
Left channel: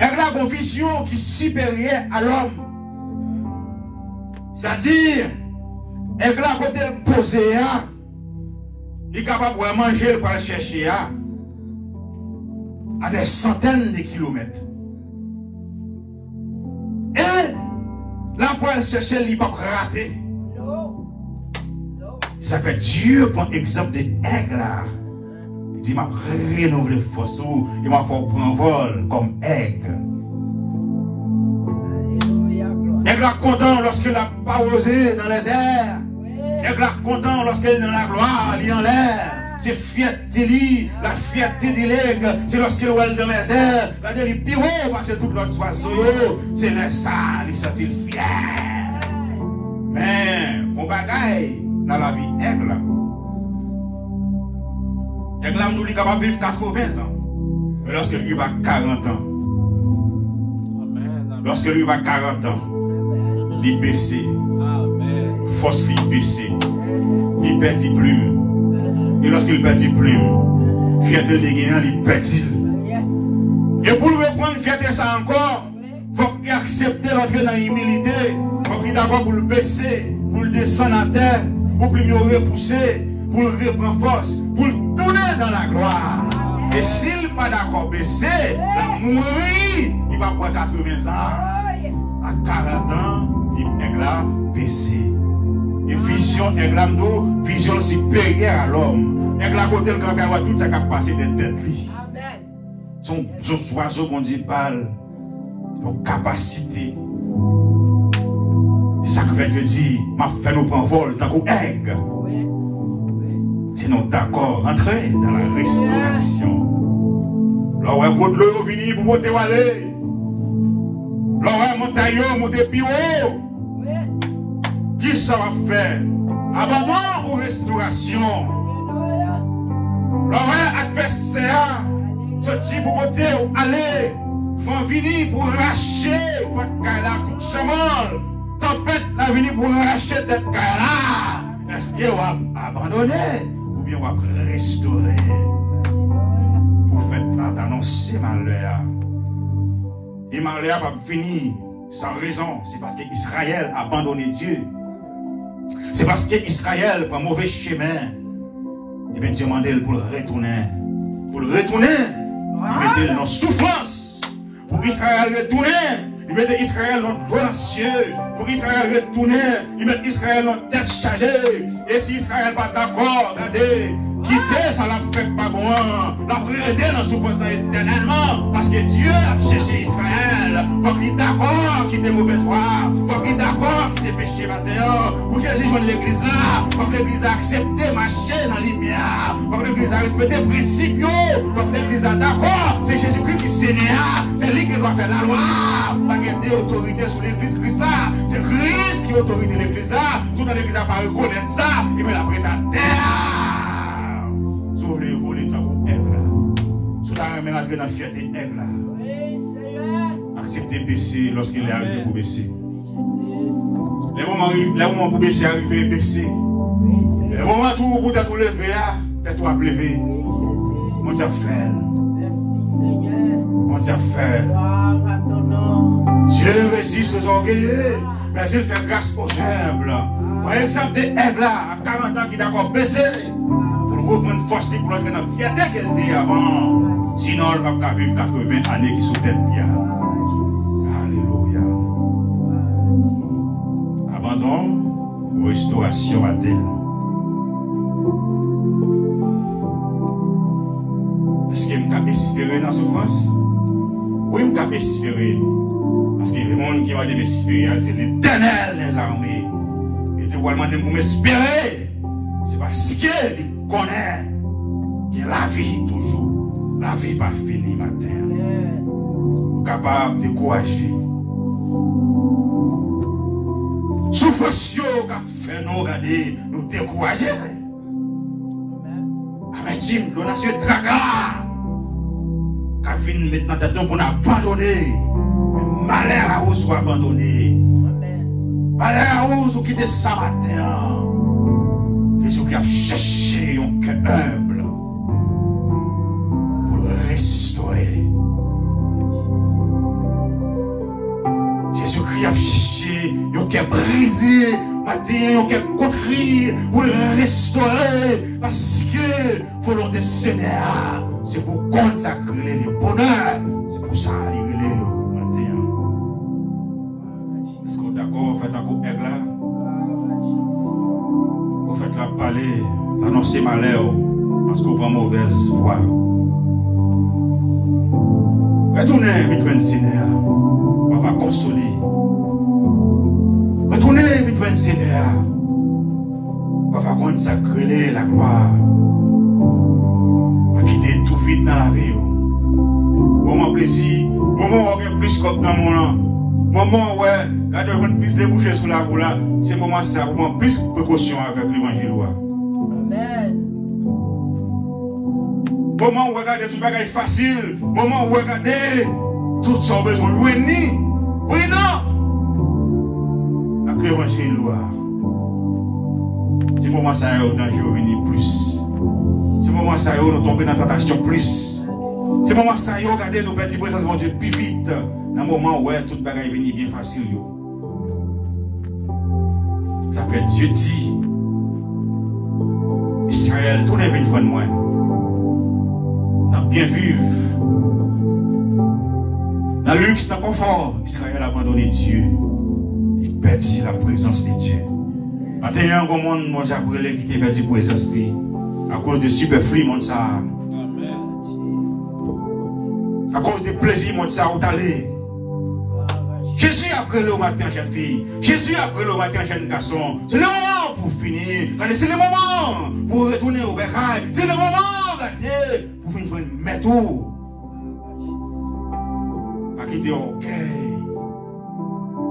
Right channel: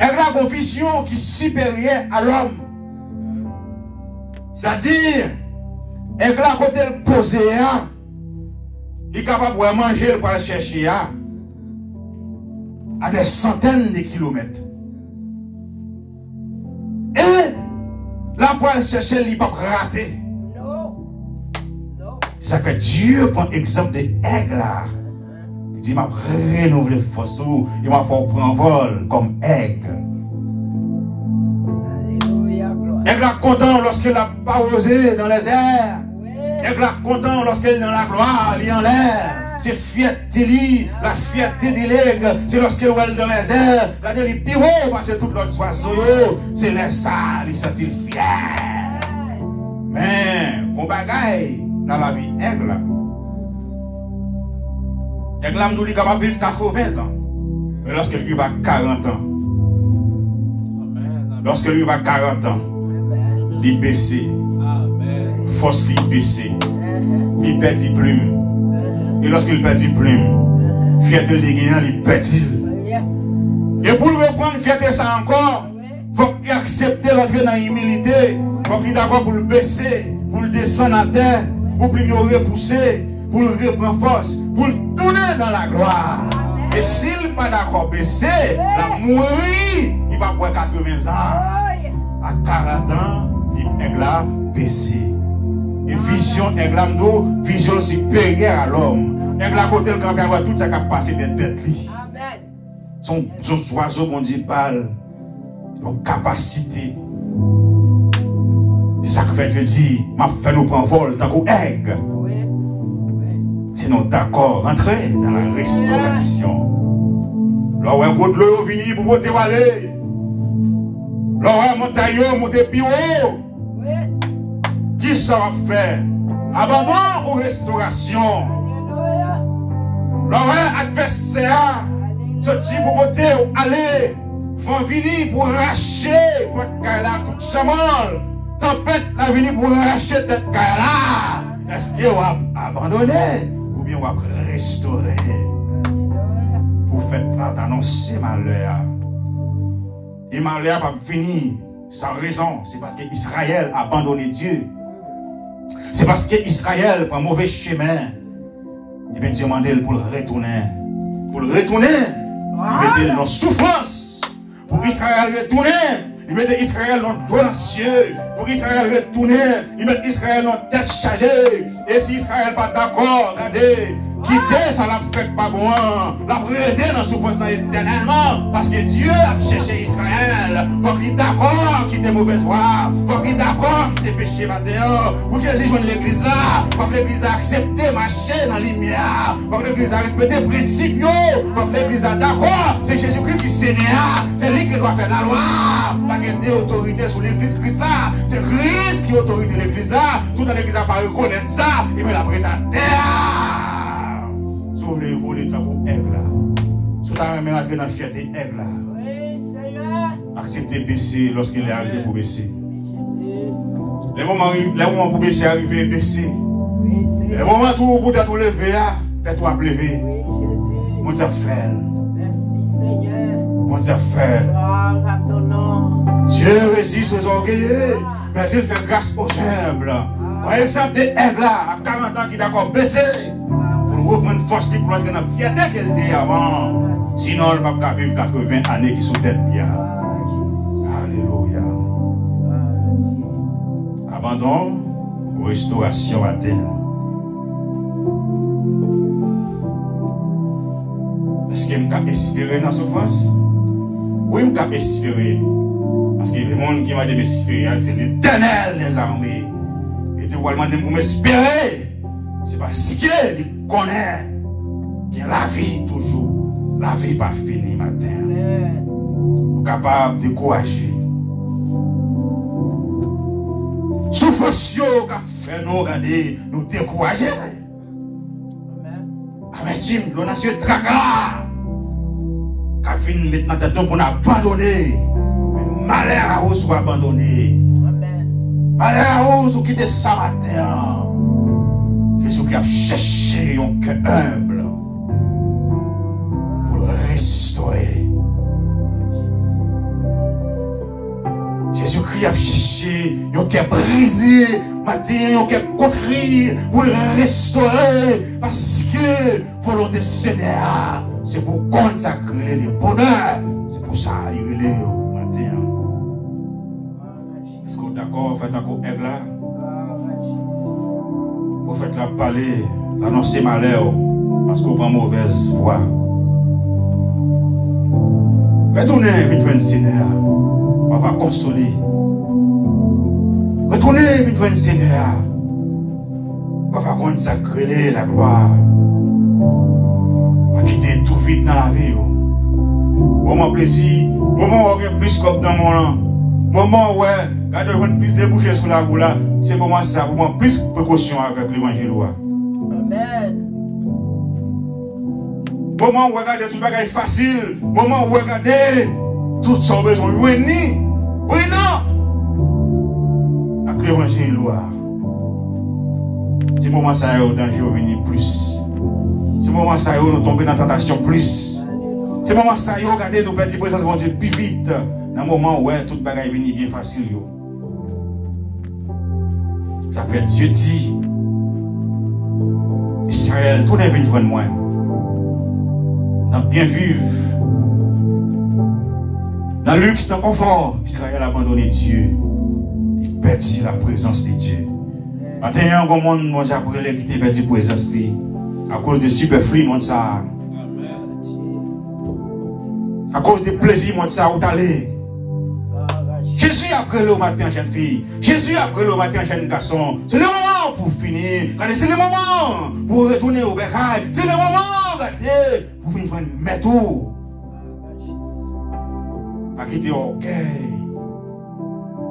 Et la conviction qui est supérieure à l'homme. C'est-à-dire, et la côté posé, il est capable de manger pour chercher à des centaines de kilomètres. Et la poêle chercher, il ne va pas rater. Ça fait Dieu prend exemple de aigle là. Il dit, il m'a renouvelé force, il m'a fait prendre vol comme aigle. Aigle là content lorsqu'il n'a pas osé dans les airs. Aigle là content lorsqu'il est dans la gloire, il est en l'air. c'est fierté, la fierté de l'aigle, c'est lorsque elle dans les airs, quand elle est pirée, parce que tout l'autre oiseau, c'est les ça, il se sent fier. Mais, mon bagaille, dans la vie, aigle, nous est capable de vivre 80 ans. Mais lorsque lui va 40 ans, lorsque lui va 40 ans, il baisse, force il baisse, il perdit plume. Et lorsqu'il perdit plume, fierté de l'égayant, il perdit. Et pour reprendre fierté ça encore, il faut qu'il accepte d'entrer dans l'humilité, il faut qu'il est d'accord pour le baisser, pour le descendre à terre, pour le repousser, pour le reprendre force, pour le tourner dans la gloire. Et s'il n'est pas d'accord baisser, la mourir, il va avoir 80 ans. À 40 ans, il est là baissé. Et vision, vision supérieure à l'homme. Et la côté, quand on voit toute sa capacité d'être lui. Son oiseau, mon Dieu, parle de capacité. C'est ça que fait te dire, m'a fait nous prendre vol dans le aigle. Sinon, d'accord, rentrez dans la restauration. Là où un gros de l'eau vient pour monter aller. Là où un montaillon, monter plus haut. Qui ça va faire? Abandon ou restauration? Là où un adversaire, ce type pour monter ou aller, vont venir pour racher votre carrière toute chamal. Tempête va venir pour racher cette carrière. Est-ce que vous avez abandonné? Ou bien on va restaurer pour faire annoncer malheur. Et malheur va finir sans raison. C'est parce qu'Israël a abandonné Dieu. C'est parce qu'Israël prend mauvais chemin. Et bien Dieu m'a demandé pour le retourner. Pour le retourner, il met dans souffrance. Pour Israël retourner, il met Israël dans volontiers. Pour Israël retourner, il met Israël dans tête chargée. Et si Israël n'est pas d'accord, regardez, quitter ça la fait pas bon. La prêter dans souffrance éternellement. Parce que Dieu a cherché Israël. Faut qu'il est d'accord, qu'il ait mauvaise voie. Faut qu'il est d'accord, qu'il ait péché matin. Pour Jésus joindre l'église là. Faut que l'église a accepté marcher dans la lumière. Faut que l'église a respecté les principes. Faut que l'église a d'accord. C'est Jésus-Christ qui Seigneur. C'est lui qui doit faire la loi. Pas qu'il y ait autorité sur l'église Christ là. C'est Christ qui autorise l'église là. Tout dans l'église n'a pas reconnaître ça. Il met la prête à terre. Sur le volet dans le aigle là. Sur la même dans la fierté aigle là. Accepter baisser lorsqu'il est arrivé pour baisser. Les moments pour baisser, arriver baisser. Les moments où vous êtes levé, tête-toi levé. Mon Dieu fait. Mon Dieu fait. Dieu résiste aux orgueilleux, mais il fait grâce aux humbles. Par exemple, des aigles là, à 40 ans qui d'accord baissé, pour nous reprendre force pour entrer dans la fierté qu'elle était avant. Sinon, elle ne va pas vivre 80 années qui sont tête bien. Alléluia. Abandon ou restauration à terre. Est-ce qu'il y a espérer dans la souffrance? Oui, il y a espérer. Parce que le monde qui m'a dit espérer, c'est l'Éternel des armées. Et tu vas demander pour m'espérer. C'est parce qu'il connaît qu'il y a la vie toujours. La vie pas finie matin. Nous sommes capables de courager. Souffrance qui fait nous regarder, nous décourager. Avec Jim, l'on a ce tracas. Qui vient maintenant tête pour nous abandonner. Malheur à vous soit abandonné. Malheur à vous qui quitte ça matin. Jésus qui a cherché un cœur humble pour le restaurer. Jésus-Christ a cherché un cœur brisé, matin, un cœur contrit pour le restaurer. Parce que volonté Seigneur, c'est pour consacrer le bonheur. C'est pour ça qu'il est. Est-ce qu'on est d'accord? Faites encore aigle là. Vous faites la parler, annoncer malheur, parce qu'on prend mauvaise voie. Retournez, vite vers le Seigneur. On va consoler. Retournez, vite vers le Seigneur. On va consacrer la gloire. plaisir, moment où on a plus comme dans mon an, moment où quand on a plus débouché sur la roue là, c'est pour moi ça, pour moi plus de précaution avec l'évangile. Amen. Moment où regarder tout bagage facile, moment où regarder tout son besoin, oui ni, oui non. Avec l'évangile, c'est moment ça où danger venir plus. C'est moment ça où nous tomber dans la tentation plus. C'est moment ça où regarder nos petits présence de Dieu plus vite. Dans le moment où tout bagage venir bien facile. Ça fait Dieu dit, Israël, tout est venu joindre moi. Dans bien vivre, dans le luxe, dans le confort, Israël a abandonné Dieu. Il perd la présence de Dieu. Maintenant, comme on m'a appris qu'il perdu la présence de Dieu. À cause de superflu, mon ça. À cause des plaisirs, mon ça, où t'allais. Jésus après le matin, jeune fille. Jésus après le matin, jeune garçon. C'est le moment pour finir. C'est le moment pour retourner au bécail. C'est le moment, regardez, pour finir joindre mettre tout. À quitter orgueil.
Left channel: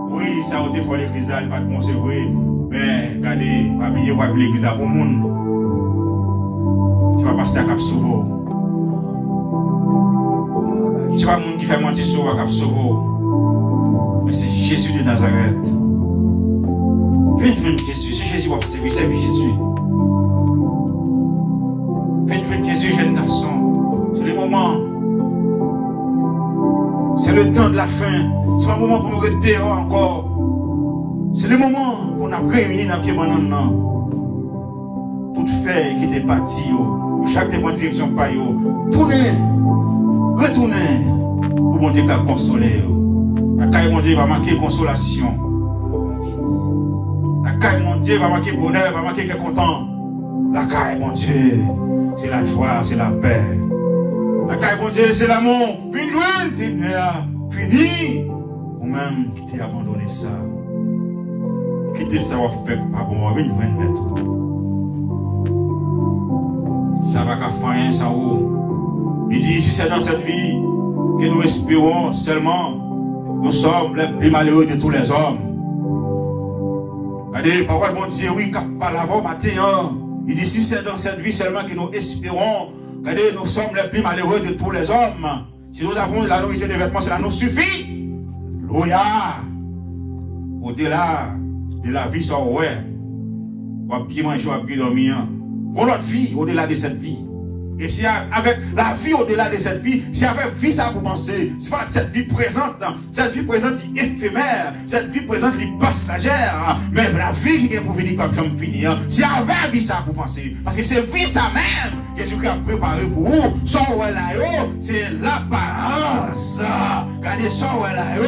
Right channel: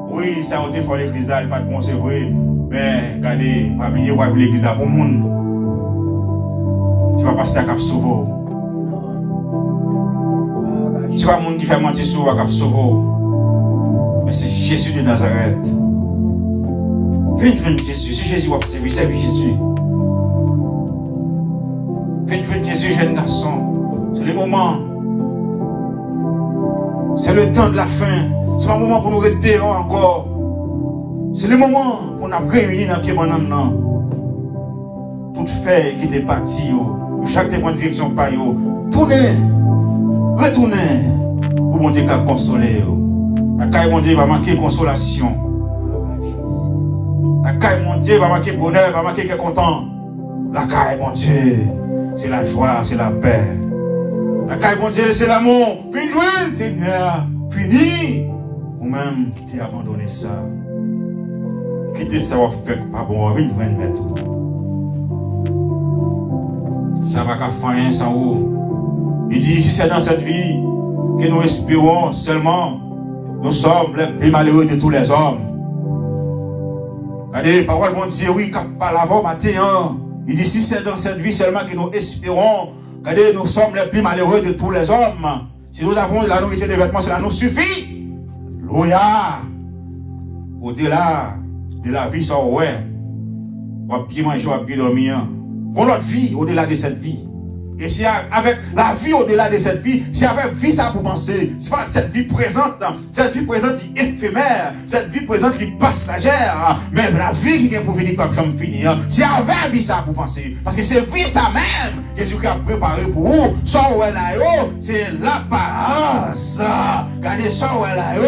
Oui, ça a été fait l'église, pas de conserver. Mais, regardez, pas oublier quoi l'église pour le monde. C'est pas pasteur qui a sauvé. C'est pas le monde qui fait mentir sur qui a sauvé. Mais c'est Jésus de Nazareth. Venez Jésus. C'est Jésus qui a servi. C'est Jésus. Venez Jésus, jeune garçon. C'est le moment. C'est le temps de la fin. C'est un moment pour nous rester encore. C'est le moment pour nous réunir dans le pied maintenant. Tout fait qui était parti, chaque dépend direction par yo. Tournez, retournez pour mon Dieu qui a consolé. La caille mon Dieu va manquer consolation. La caille mon Dieu va manquer bonheur, va manquer qu'être content. La caille mon Dieu, c'est la joie, c'est la paix. La caille mon Dieu, c'est l'amour. Fini, Seigneur, fini. Ou même qui t'ai abandonné ça. Quitter ça va faire pas bon, vite mettre. Ça va qu'à faire sans vous. Il dit, si c'est dans cette vie que nous espérons seulement, nous sommes les plus malheureux de tous les hommes. Regardez, parole bon Dieu, oui, par l'avant matin, il dit, si c'est dans cette vie seulement que nous espérons, regardez, nous sommes les plus malheureux de tous les hommes. Si nous avons de la nourriture et des vêtements, cela nous suffit. Alléluia. Au-delà de la vie, ça, ouais. On va bien manger, on va bien dormir. Pour notre vie, au-delà de cette vie. Et c'est avec la vie au-delà de cette vie, c'est avec vie ça pour penser. C'est pas cette vie présente qui est éphémère, cette vie présente qui est passagère. Mais la vie qui vient pour finir comme j'aime finir, c'est avec vie ça pour penser. Parce que c'est vie ça même. Jésus a préparé pour vous. Son ou elle a c'est l'apparence. Regardez son ou elle a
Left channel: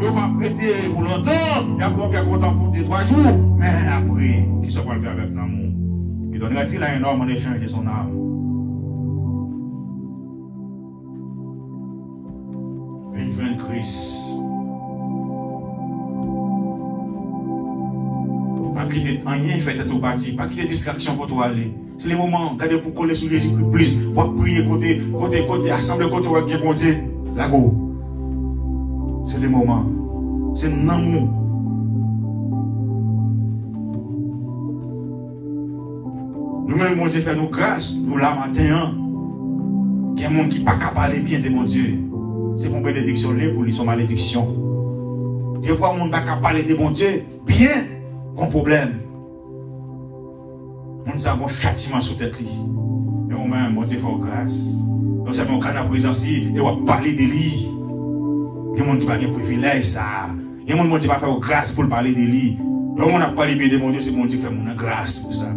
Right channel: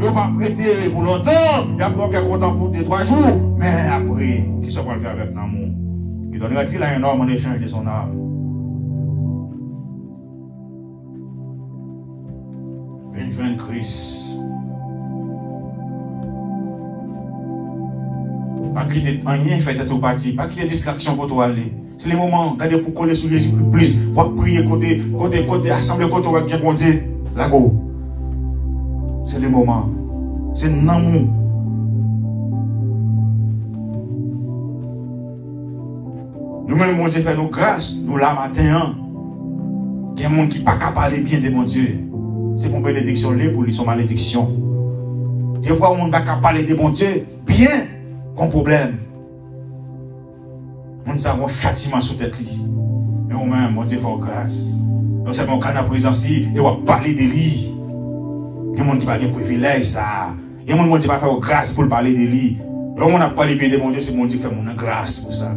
on va prêter pour longtemps. Il y a quelqu'un content pour 2-3 jours. Mais après, qui se va faire avec l'amour. Il donnera-t-il à un homme en échange de son âme? Une Christ. Pas qu'il n'y ait rien fait de tout parti, pas qu'il y ait distraction pour toi aller. C'est le moment, regardez pour coller sur Jésus plus, pour prier côté, assembler côté, on va bien compter. La go. C'est le moment. C'est l'amour. Nous-mêmes, mon Dieu, fait nos grâces, nous la matin. Il y a un monde qui n'est pas capable de parler bien de mon Dieu. C'est mon bénédiction, pour lui, son malédiction. Des fois, on ne peut pas parler de mon Dieu bien, comme problème. Nous avons un châtiment sur tête. Et nous-mêmes, mon Dieu, fait grâce. Nous avons un canal présence, et on va parler de lui. Il y a des gens qui parlent de privilège, ça. Il y a des gens qui va faire grâce pour parler de lui. Donc, on a parlé bien de mon Dieu, c'est mon Dieu qui fait mon grâce pour ça.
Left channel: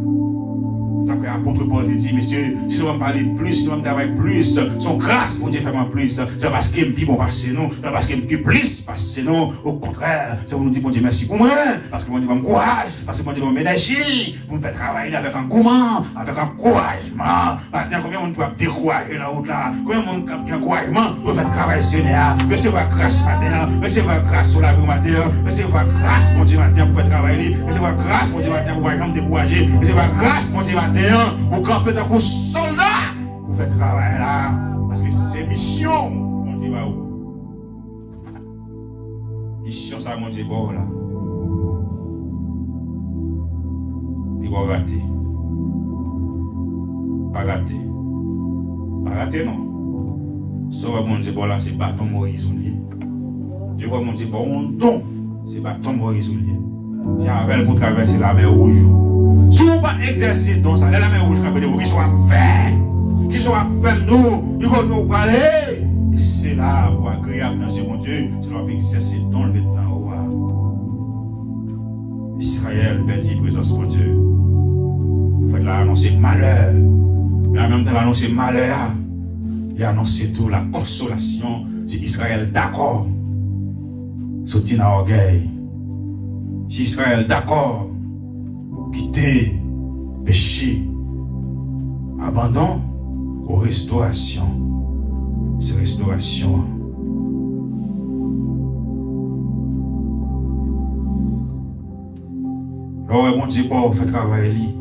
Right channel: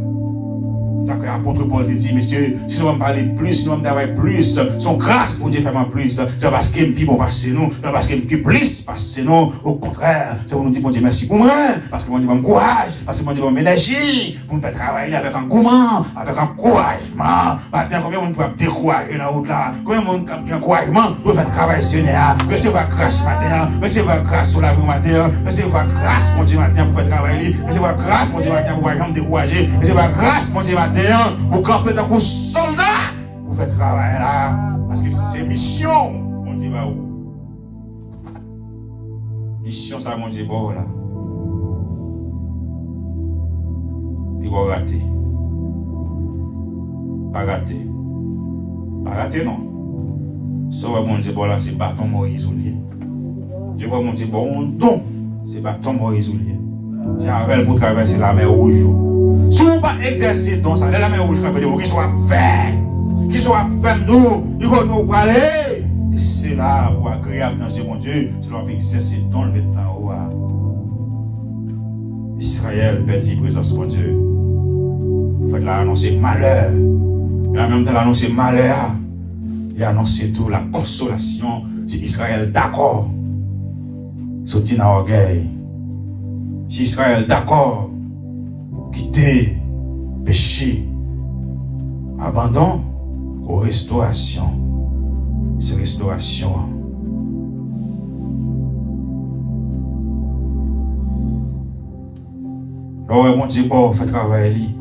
Ça que l'apôtre Paul dit, monsieur, si nous parler plus, nous travailler plus, son grâce pour Dieu faire plus, c'est parce qu'il me dit bon passer nous, c'est parce qu'il me dit plus passer nous, au contraire, c'est pour nous dire bon Dieu merci pour moi, parce que mon Dieu me courage, parce que mon Dieu me énergie, pour me faire travailler avec engouement, avec encouragement. Maintenant, combien on peut décourager la route là, combien on peut encouragement pour faire travailler Seigneur, recevoir grâce matin, recevoir grâce sur la rue matin, recevoir grâce mon Dieu matin pour faire travailler, recevoir grâce mon Dieu matin pour me décourager, recevoir grâce mon Dieu matin pour camper dans un soldat pour faire travail là. Parce que c'est mission, mon Dieu va où. mission ça mon Dieu bon là. Il va rater. Pas rater. Pas rater non. Ça mon Dieu bon là c'est bâton Moïse oublié. Je vois mon Dieu bon don c'est bâton Moïse oublié. C'est avec pour traverser la mer rouge. Si vous pas exercer dans ça, la mer rouge qui soit fait, qui soit fait nous, il faut nous parler. C'est là pour agréable dans ce mon Dieu, c'est là pour cesser dans le maintenant. Israël perdit présence mon Dieu. Vous faites là annoncer malheur. Il a même temps annoncé malheur. Il a annoncé tout la consolation. Si Israël d'accord, sorti dans l'orgueil. Si Israël d'accord, quitter péché, abandon aux restaurations. C'est restauration. Alors, mon Dieu, bon, fait travail.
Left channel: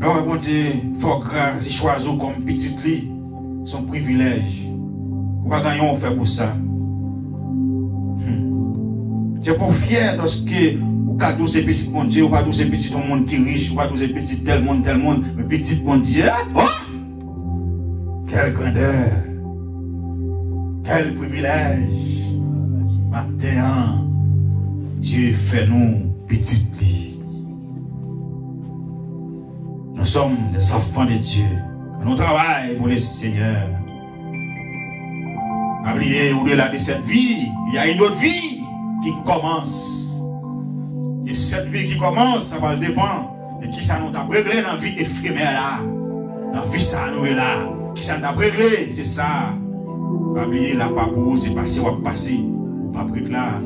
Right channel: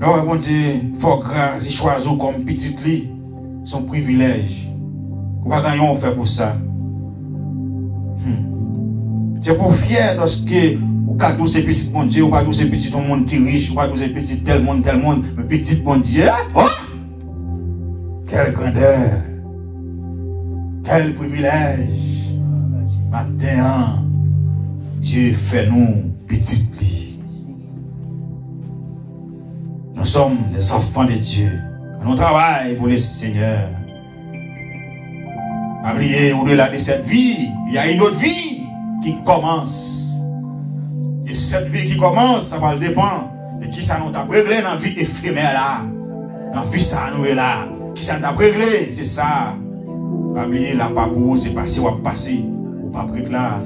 Alors, mon Dieu, faut grâce, choisir comme petit lit, son privilège. Pour pas gagner, on fait pour ça. C'est pour fier lorsque ou pas tous ces petits mon Dieu, ou pas tous ces petits tout le monde qui est riche, ou pas tous ces petits tel monde, mais petit mon Dieu. Oh! Quelle grandeur! Quel privilège! Maintenant, Dieu fait nous petits lits. Nous sommes des enfants de Dieu. Nous travaillons pour le Seigneur. Oubliez, au-delà de cette vie, il y a une autre vie qui commence. Et cette vie qui commence, ça va dépendre de qui ça nous a réglé dans la vie éphémère là. Dans la vie ça nous est là. Qui ça nous a réglé, c'est ça. Oubliez, la papou, c'est passé ou passé. Ou pas pris là.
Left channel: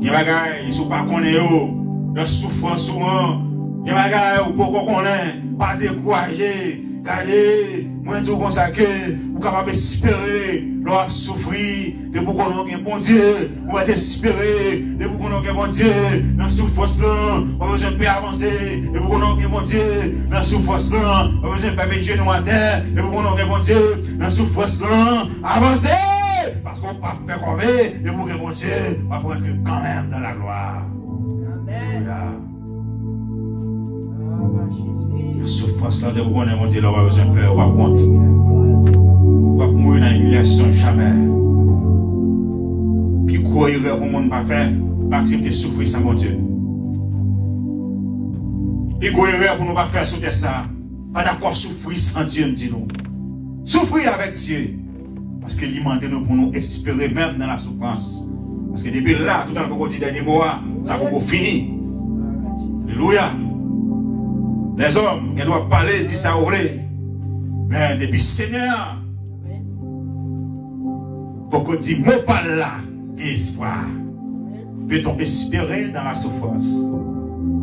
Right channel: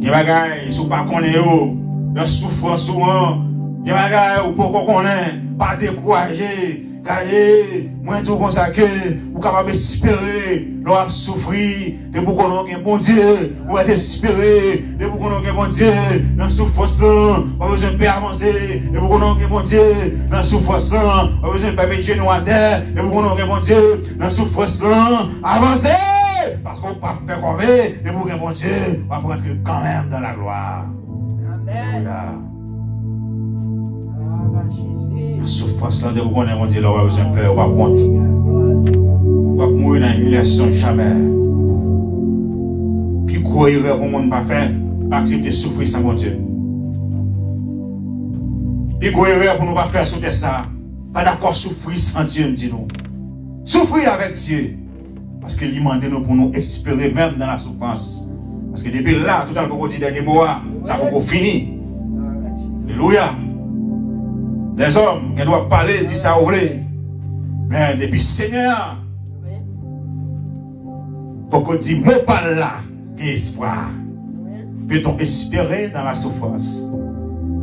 Il y a des bagailles, si vous ne connaissez pas, la souffrance souvent. Il y a des bagailles, ou pas connaître, pas décourager. Regardez, moi je dis ça que vous êtes capable d'espérer, l'on souffrir, de vous connaître un bon Dieu, vous êtes espérer, de vous connaître un bon Dieu, dans la souffrance là, pas besoin de faire avancer, de vous connaître un bon Dieu, dans la souffrance là, pas besoin de faire mettre genoux à terre, de vous connaître un bon Dieu, dans la souffrance là, avancez, parce qu'on ne peut pas faire comme de vous connaître un bon Dieu, va prendre que quand même dans la gloire. Amen. La souffrance de vous connaître, mon Dieu, là, je ne peux pas honte. On va mourir dans l'humiliation jamais. Puis, quoi, il va pour le monde pas faire, accepter souffrir sans mon Dieu. Puis, quoi, il va pour nous pas faire souffrir ça. Pas d'accord souffrir sans Dieu, me dit nous. Souffrir avec Dieu. Parce qu'il demande nous pour nous espérer même dans la souffrance. Parce que depuis là, tout à l'heure, dit dernier mot, ça va pas finir. Alléluia. Les hommes qui doivent parler, disent ça au vrai. Mais depuis Seigneur, pour qu'on dise, mot par là, espoir. Peut-on espérer dans la souffrance?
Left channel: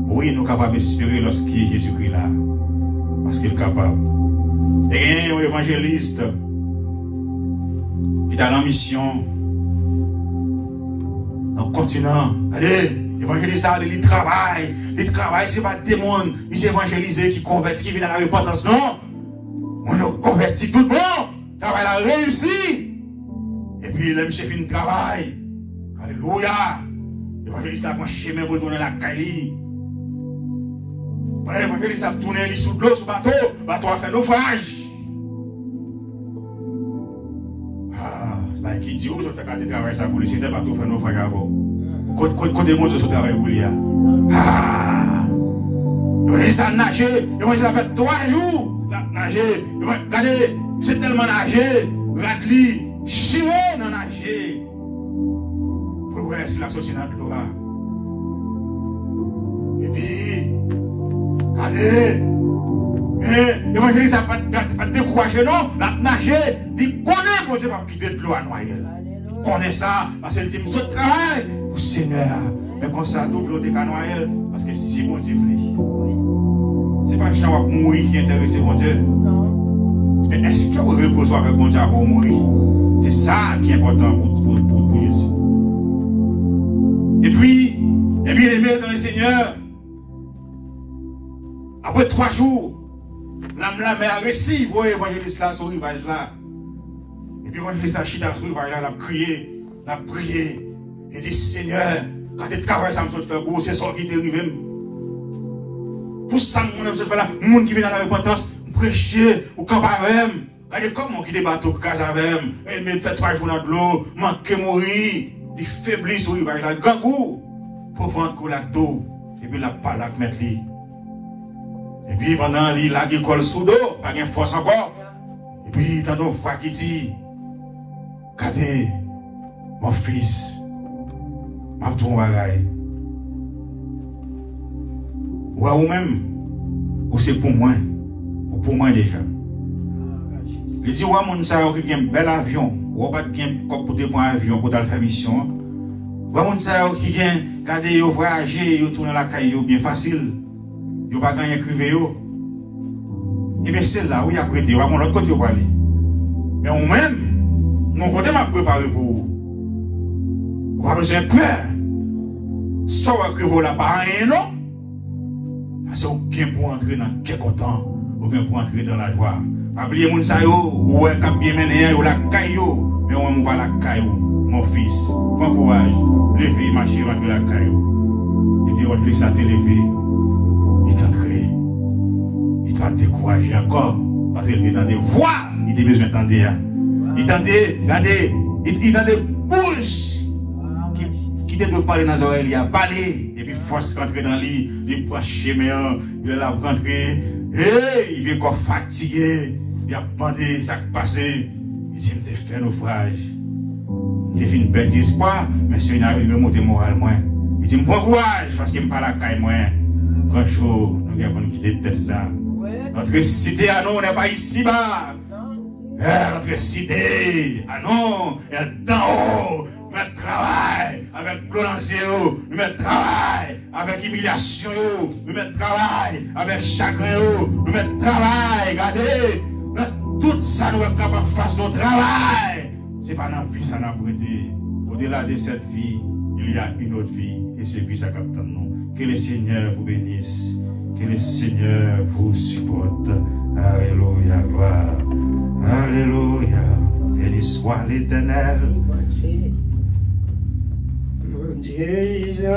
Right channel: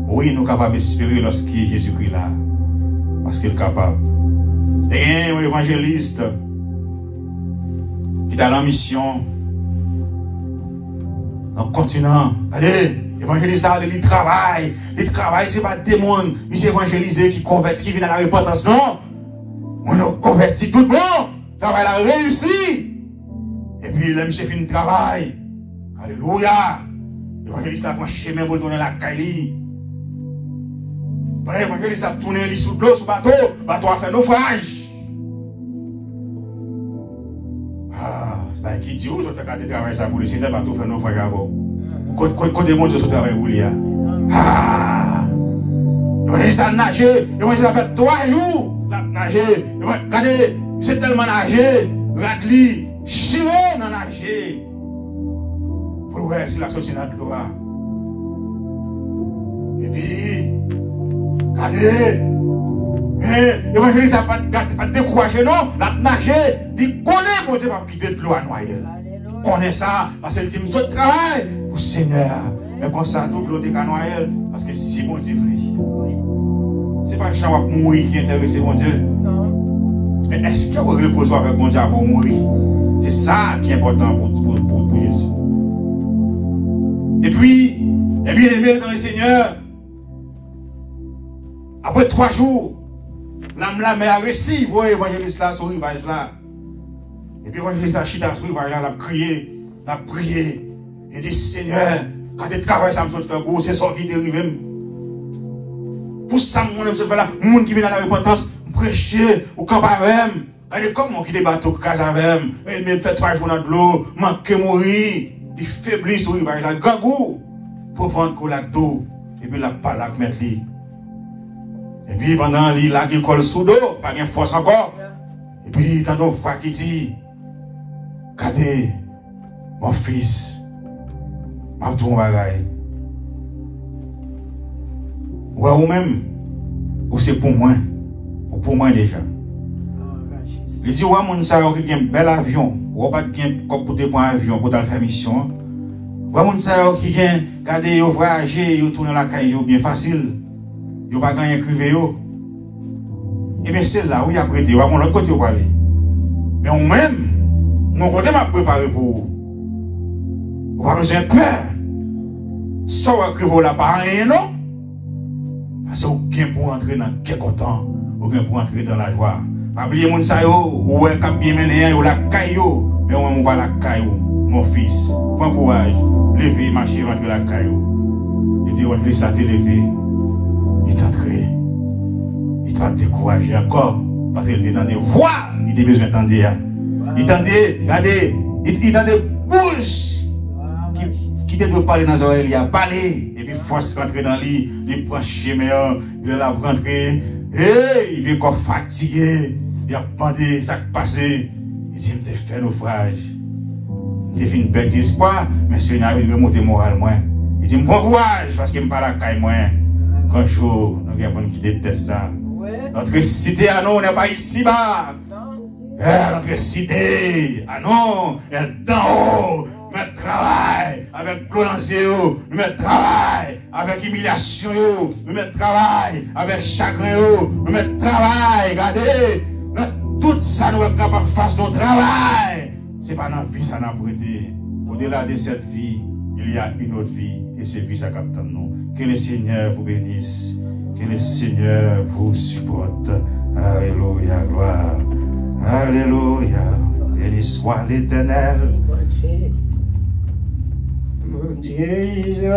Oui, nous sommes capables d'espérer lorsqu'il est Jésus-Christ là. Parce qu'il est capable. Et un évangéliste qui est dans la mission, dans le continent. Allez! Évangéliser, il travaille. Il travaille, ce n'est pas des mondes. Il évangéliser qui convertit, qui vient à la repentance. Non. On convertit tout le monde. Le travail a réussi. Et puis, le monsieur fait un travail. Alléluia. L'évangéliste a marché même pour donner la caille. L'évangéliste a tourné sous l'eau, sous le bateau. Le bateau a fait naufrage. Ah, c'est qui dit où je fais quand tu travailles ça pour le Seigneur, le bateau fait naufrage avant. Côté mon Dieu, ce travail pour lui. Ah! Il a nager, il a fait 3 jours. Nager, regardez, c'est tellement nager, Radli, chien dans nager. Pour voir si la sortie dans l'eau. Et puis, regardez, mais l'évangéliste n'a pas découragé, non? La nager, il connaît mon Dieu va quitter de l'eau à noyer. Il connaît ça, parce qu'il dit, nous autres travail. Seigneur, mais comme ça, tout l'autre est noyé, parce que si mon Dieu voulait, c'est pas que j'en vais mourir qui est intéressé, mon Dieu. Mais est-ce que vous reposez avec mon Dieu pour mourir? C'est ça qui est important pour Jésus. Et puis, les bien-aimés dans le Seigneur, après 3 jours, l'âme la mère a réussi, vous voyez, l'évangéliste là, sur le rivage là. Et puis l'évangéliste a chita sur le rivage là, a crié. la prier. Et dit, Seigneur, quand tu travailles, ça me fait faire gros, c'est ça qui dérive. Pour ça, je me fais là, le monde qui vient dans la repentance, prêcher, ou quand même. Elle est comme mon qui débat au cas avec, il met 3 jours dans de l'eau, manque mourir, il faiblit sur le rivage, il gangou, pour vendre la d'eau, et puis la palac mettre lui. Et puis pendant il a qui colle sous l'eau, pas de force encore. Et puis dans nos frères qui dit, regardez, mon fils, ma tout bagaille. Ou à vous-même, ou c'est pour moi, ou pour moi déjà. Il dit, ouais, mon savait qui a un bel avion, ou pas qui a un pour des points avion pour faire mission. Ouais, mon savait qui a regardé, vous voyagez, vous tournez la caille, bien facile. Vous pas gagner écrivé. Et bien, c'est là où il y a prêté, ou à mon autre côté, vous aller. Mais ou même, mon côté m'a préparé pour vous. Vous n'avez pas besoin de peur. Soit que vous n'avez pas rien, non? Parce que vous avez pour entrer dans quel content, ou bien pour entrer dans la joie. Pas oublier mon sa yo, ou un cap bien mené, ou la caillou, mais on va la caillou, mon fils. Prends courage, levez, marchez, rentrez la caillou. Et puis, on te ça te lever. Il t'entraîne. Il doit te décourager encore. Parce qu'il est dans des voix, il a besoin d'entendre. Il dans des bouches qui te parler dans les oreilles, il a parlé. Et puis, force rentrer dans lui, il prend chemin, il la rentrer. Il vient encore fatigué. Il a bandé, ça qui passé. Il dit, je fait naufrage. Il fait une belle d'espoir, mais c'est une arrivée monter moral moins. Il dit, bon courage, parce qu'il me parle à caille moins. Quand chaud, nous avons qui déteste ça. Notre cité à nous, on n'est pas ici-bas. Notre cité à nous, elle est d'en haut. Nous travail avec clonancé, nous mettons travail avec humiliation, nous mettons travail avec chagrin, nous mettons travail, regardez. Tout ça nous est capable de faire son travail. Ce n'est pas dans la vie, ça n'a pas été. Au-delà de cette vie, il y a une autre vie. Et c'est vie, ça capte nous. Que le Seigneur vous bénisse. Que le Seigneur vous supporte. Alléluia, gloire. Alléluia. Béni soit l'Éternel. Mon Dieu.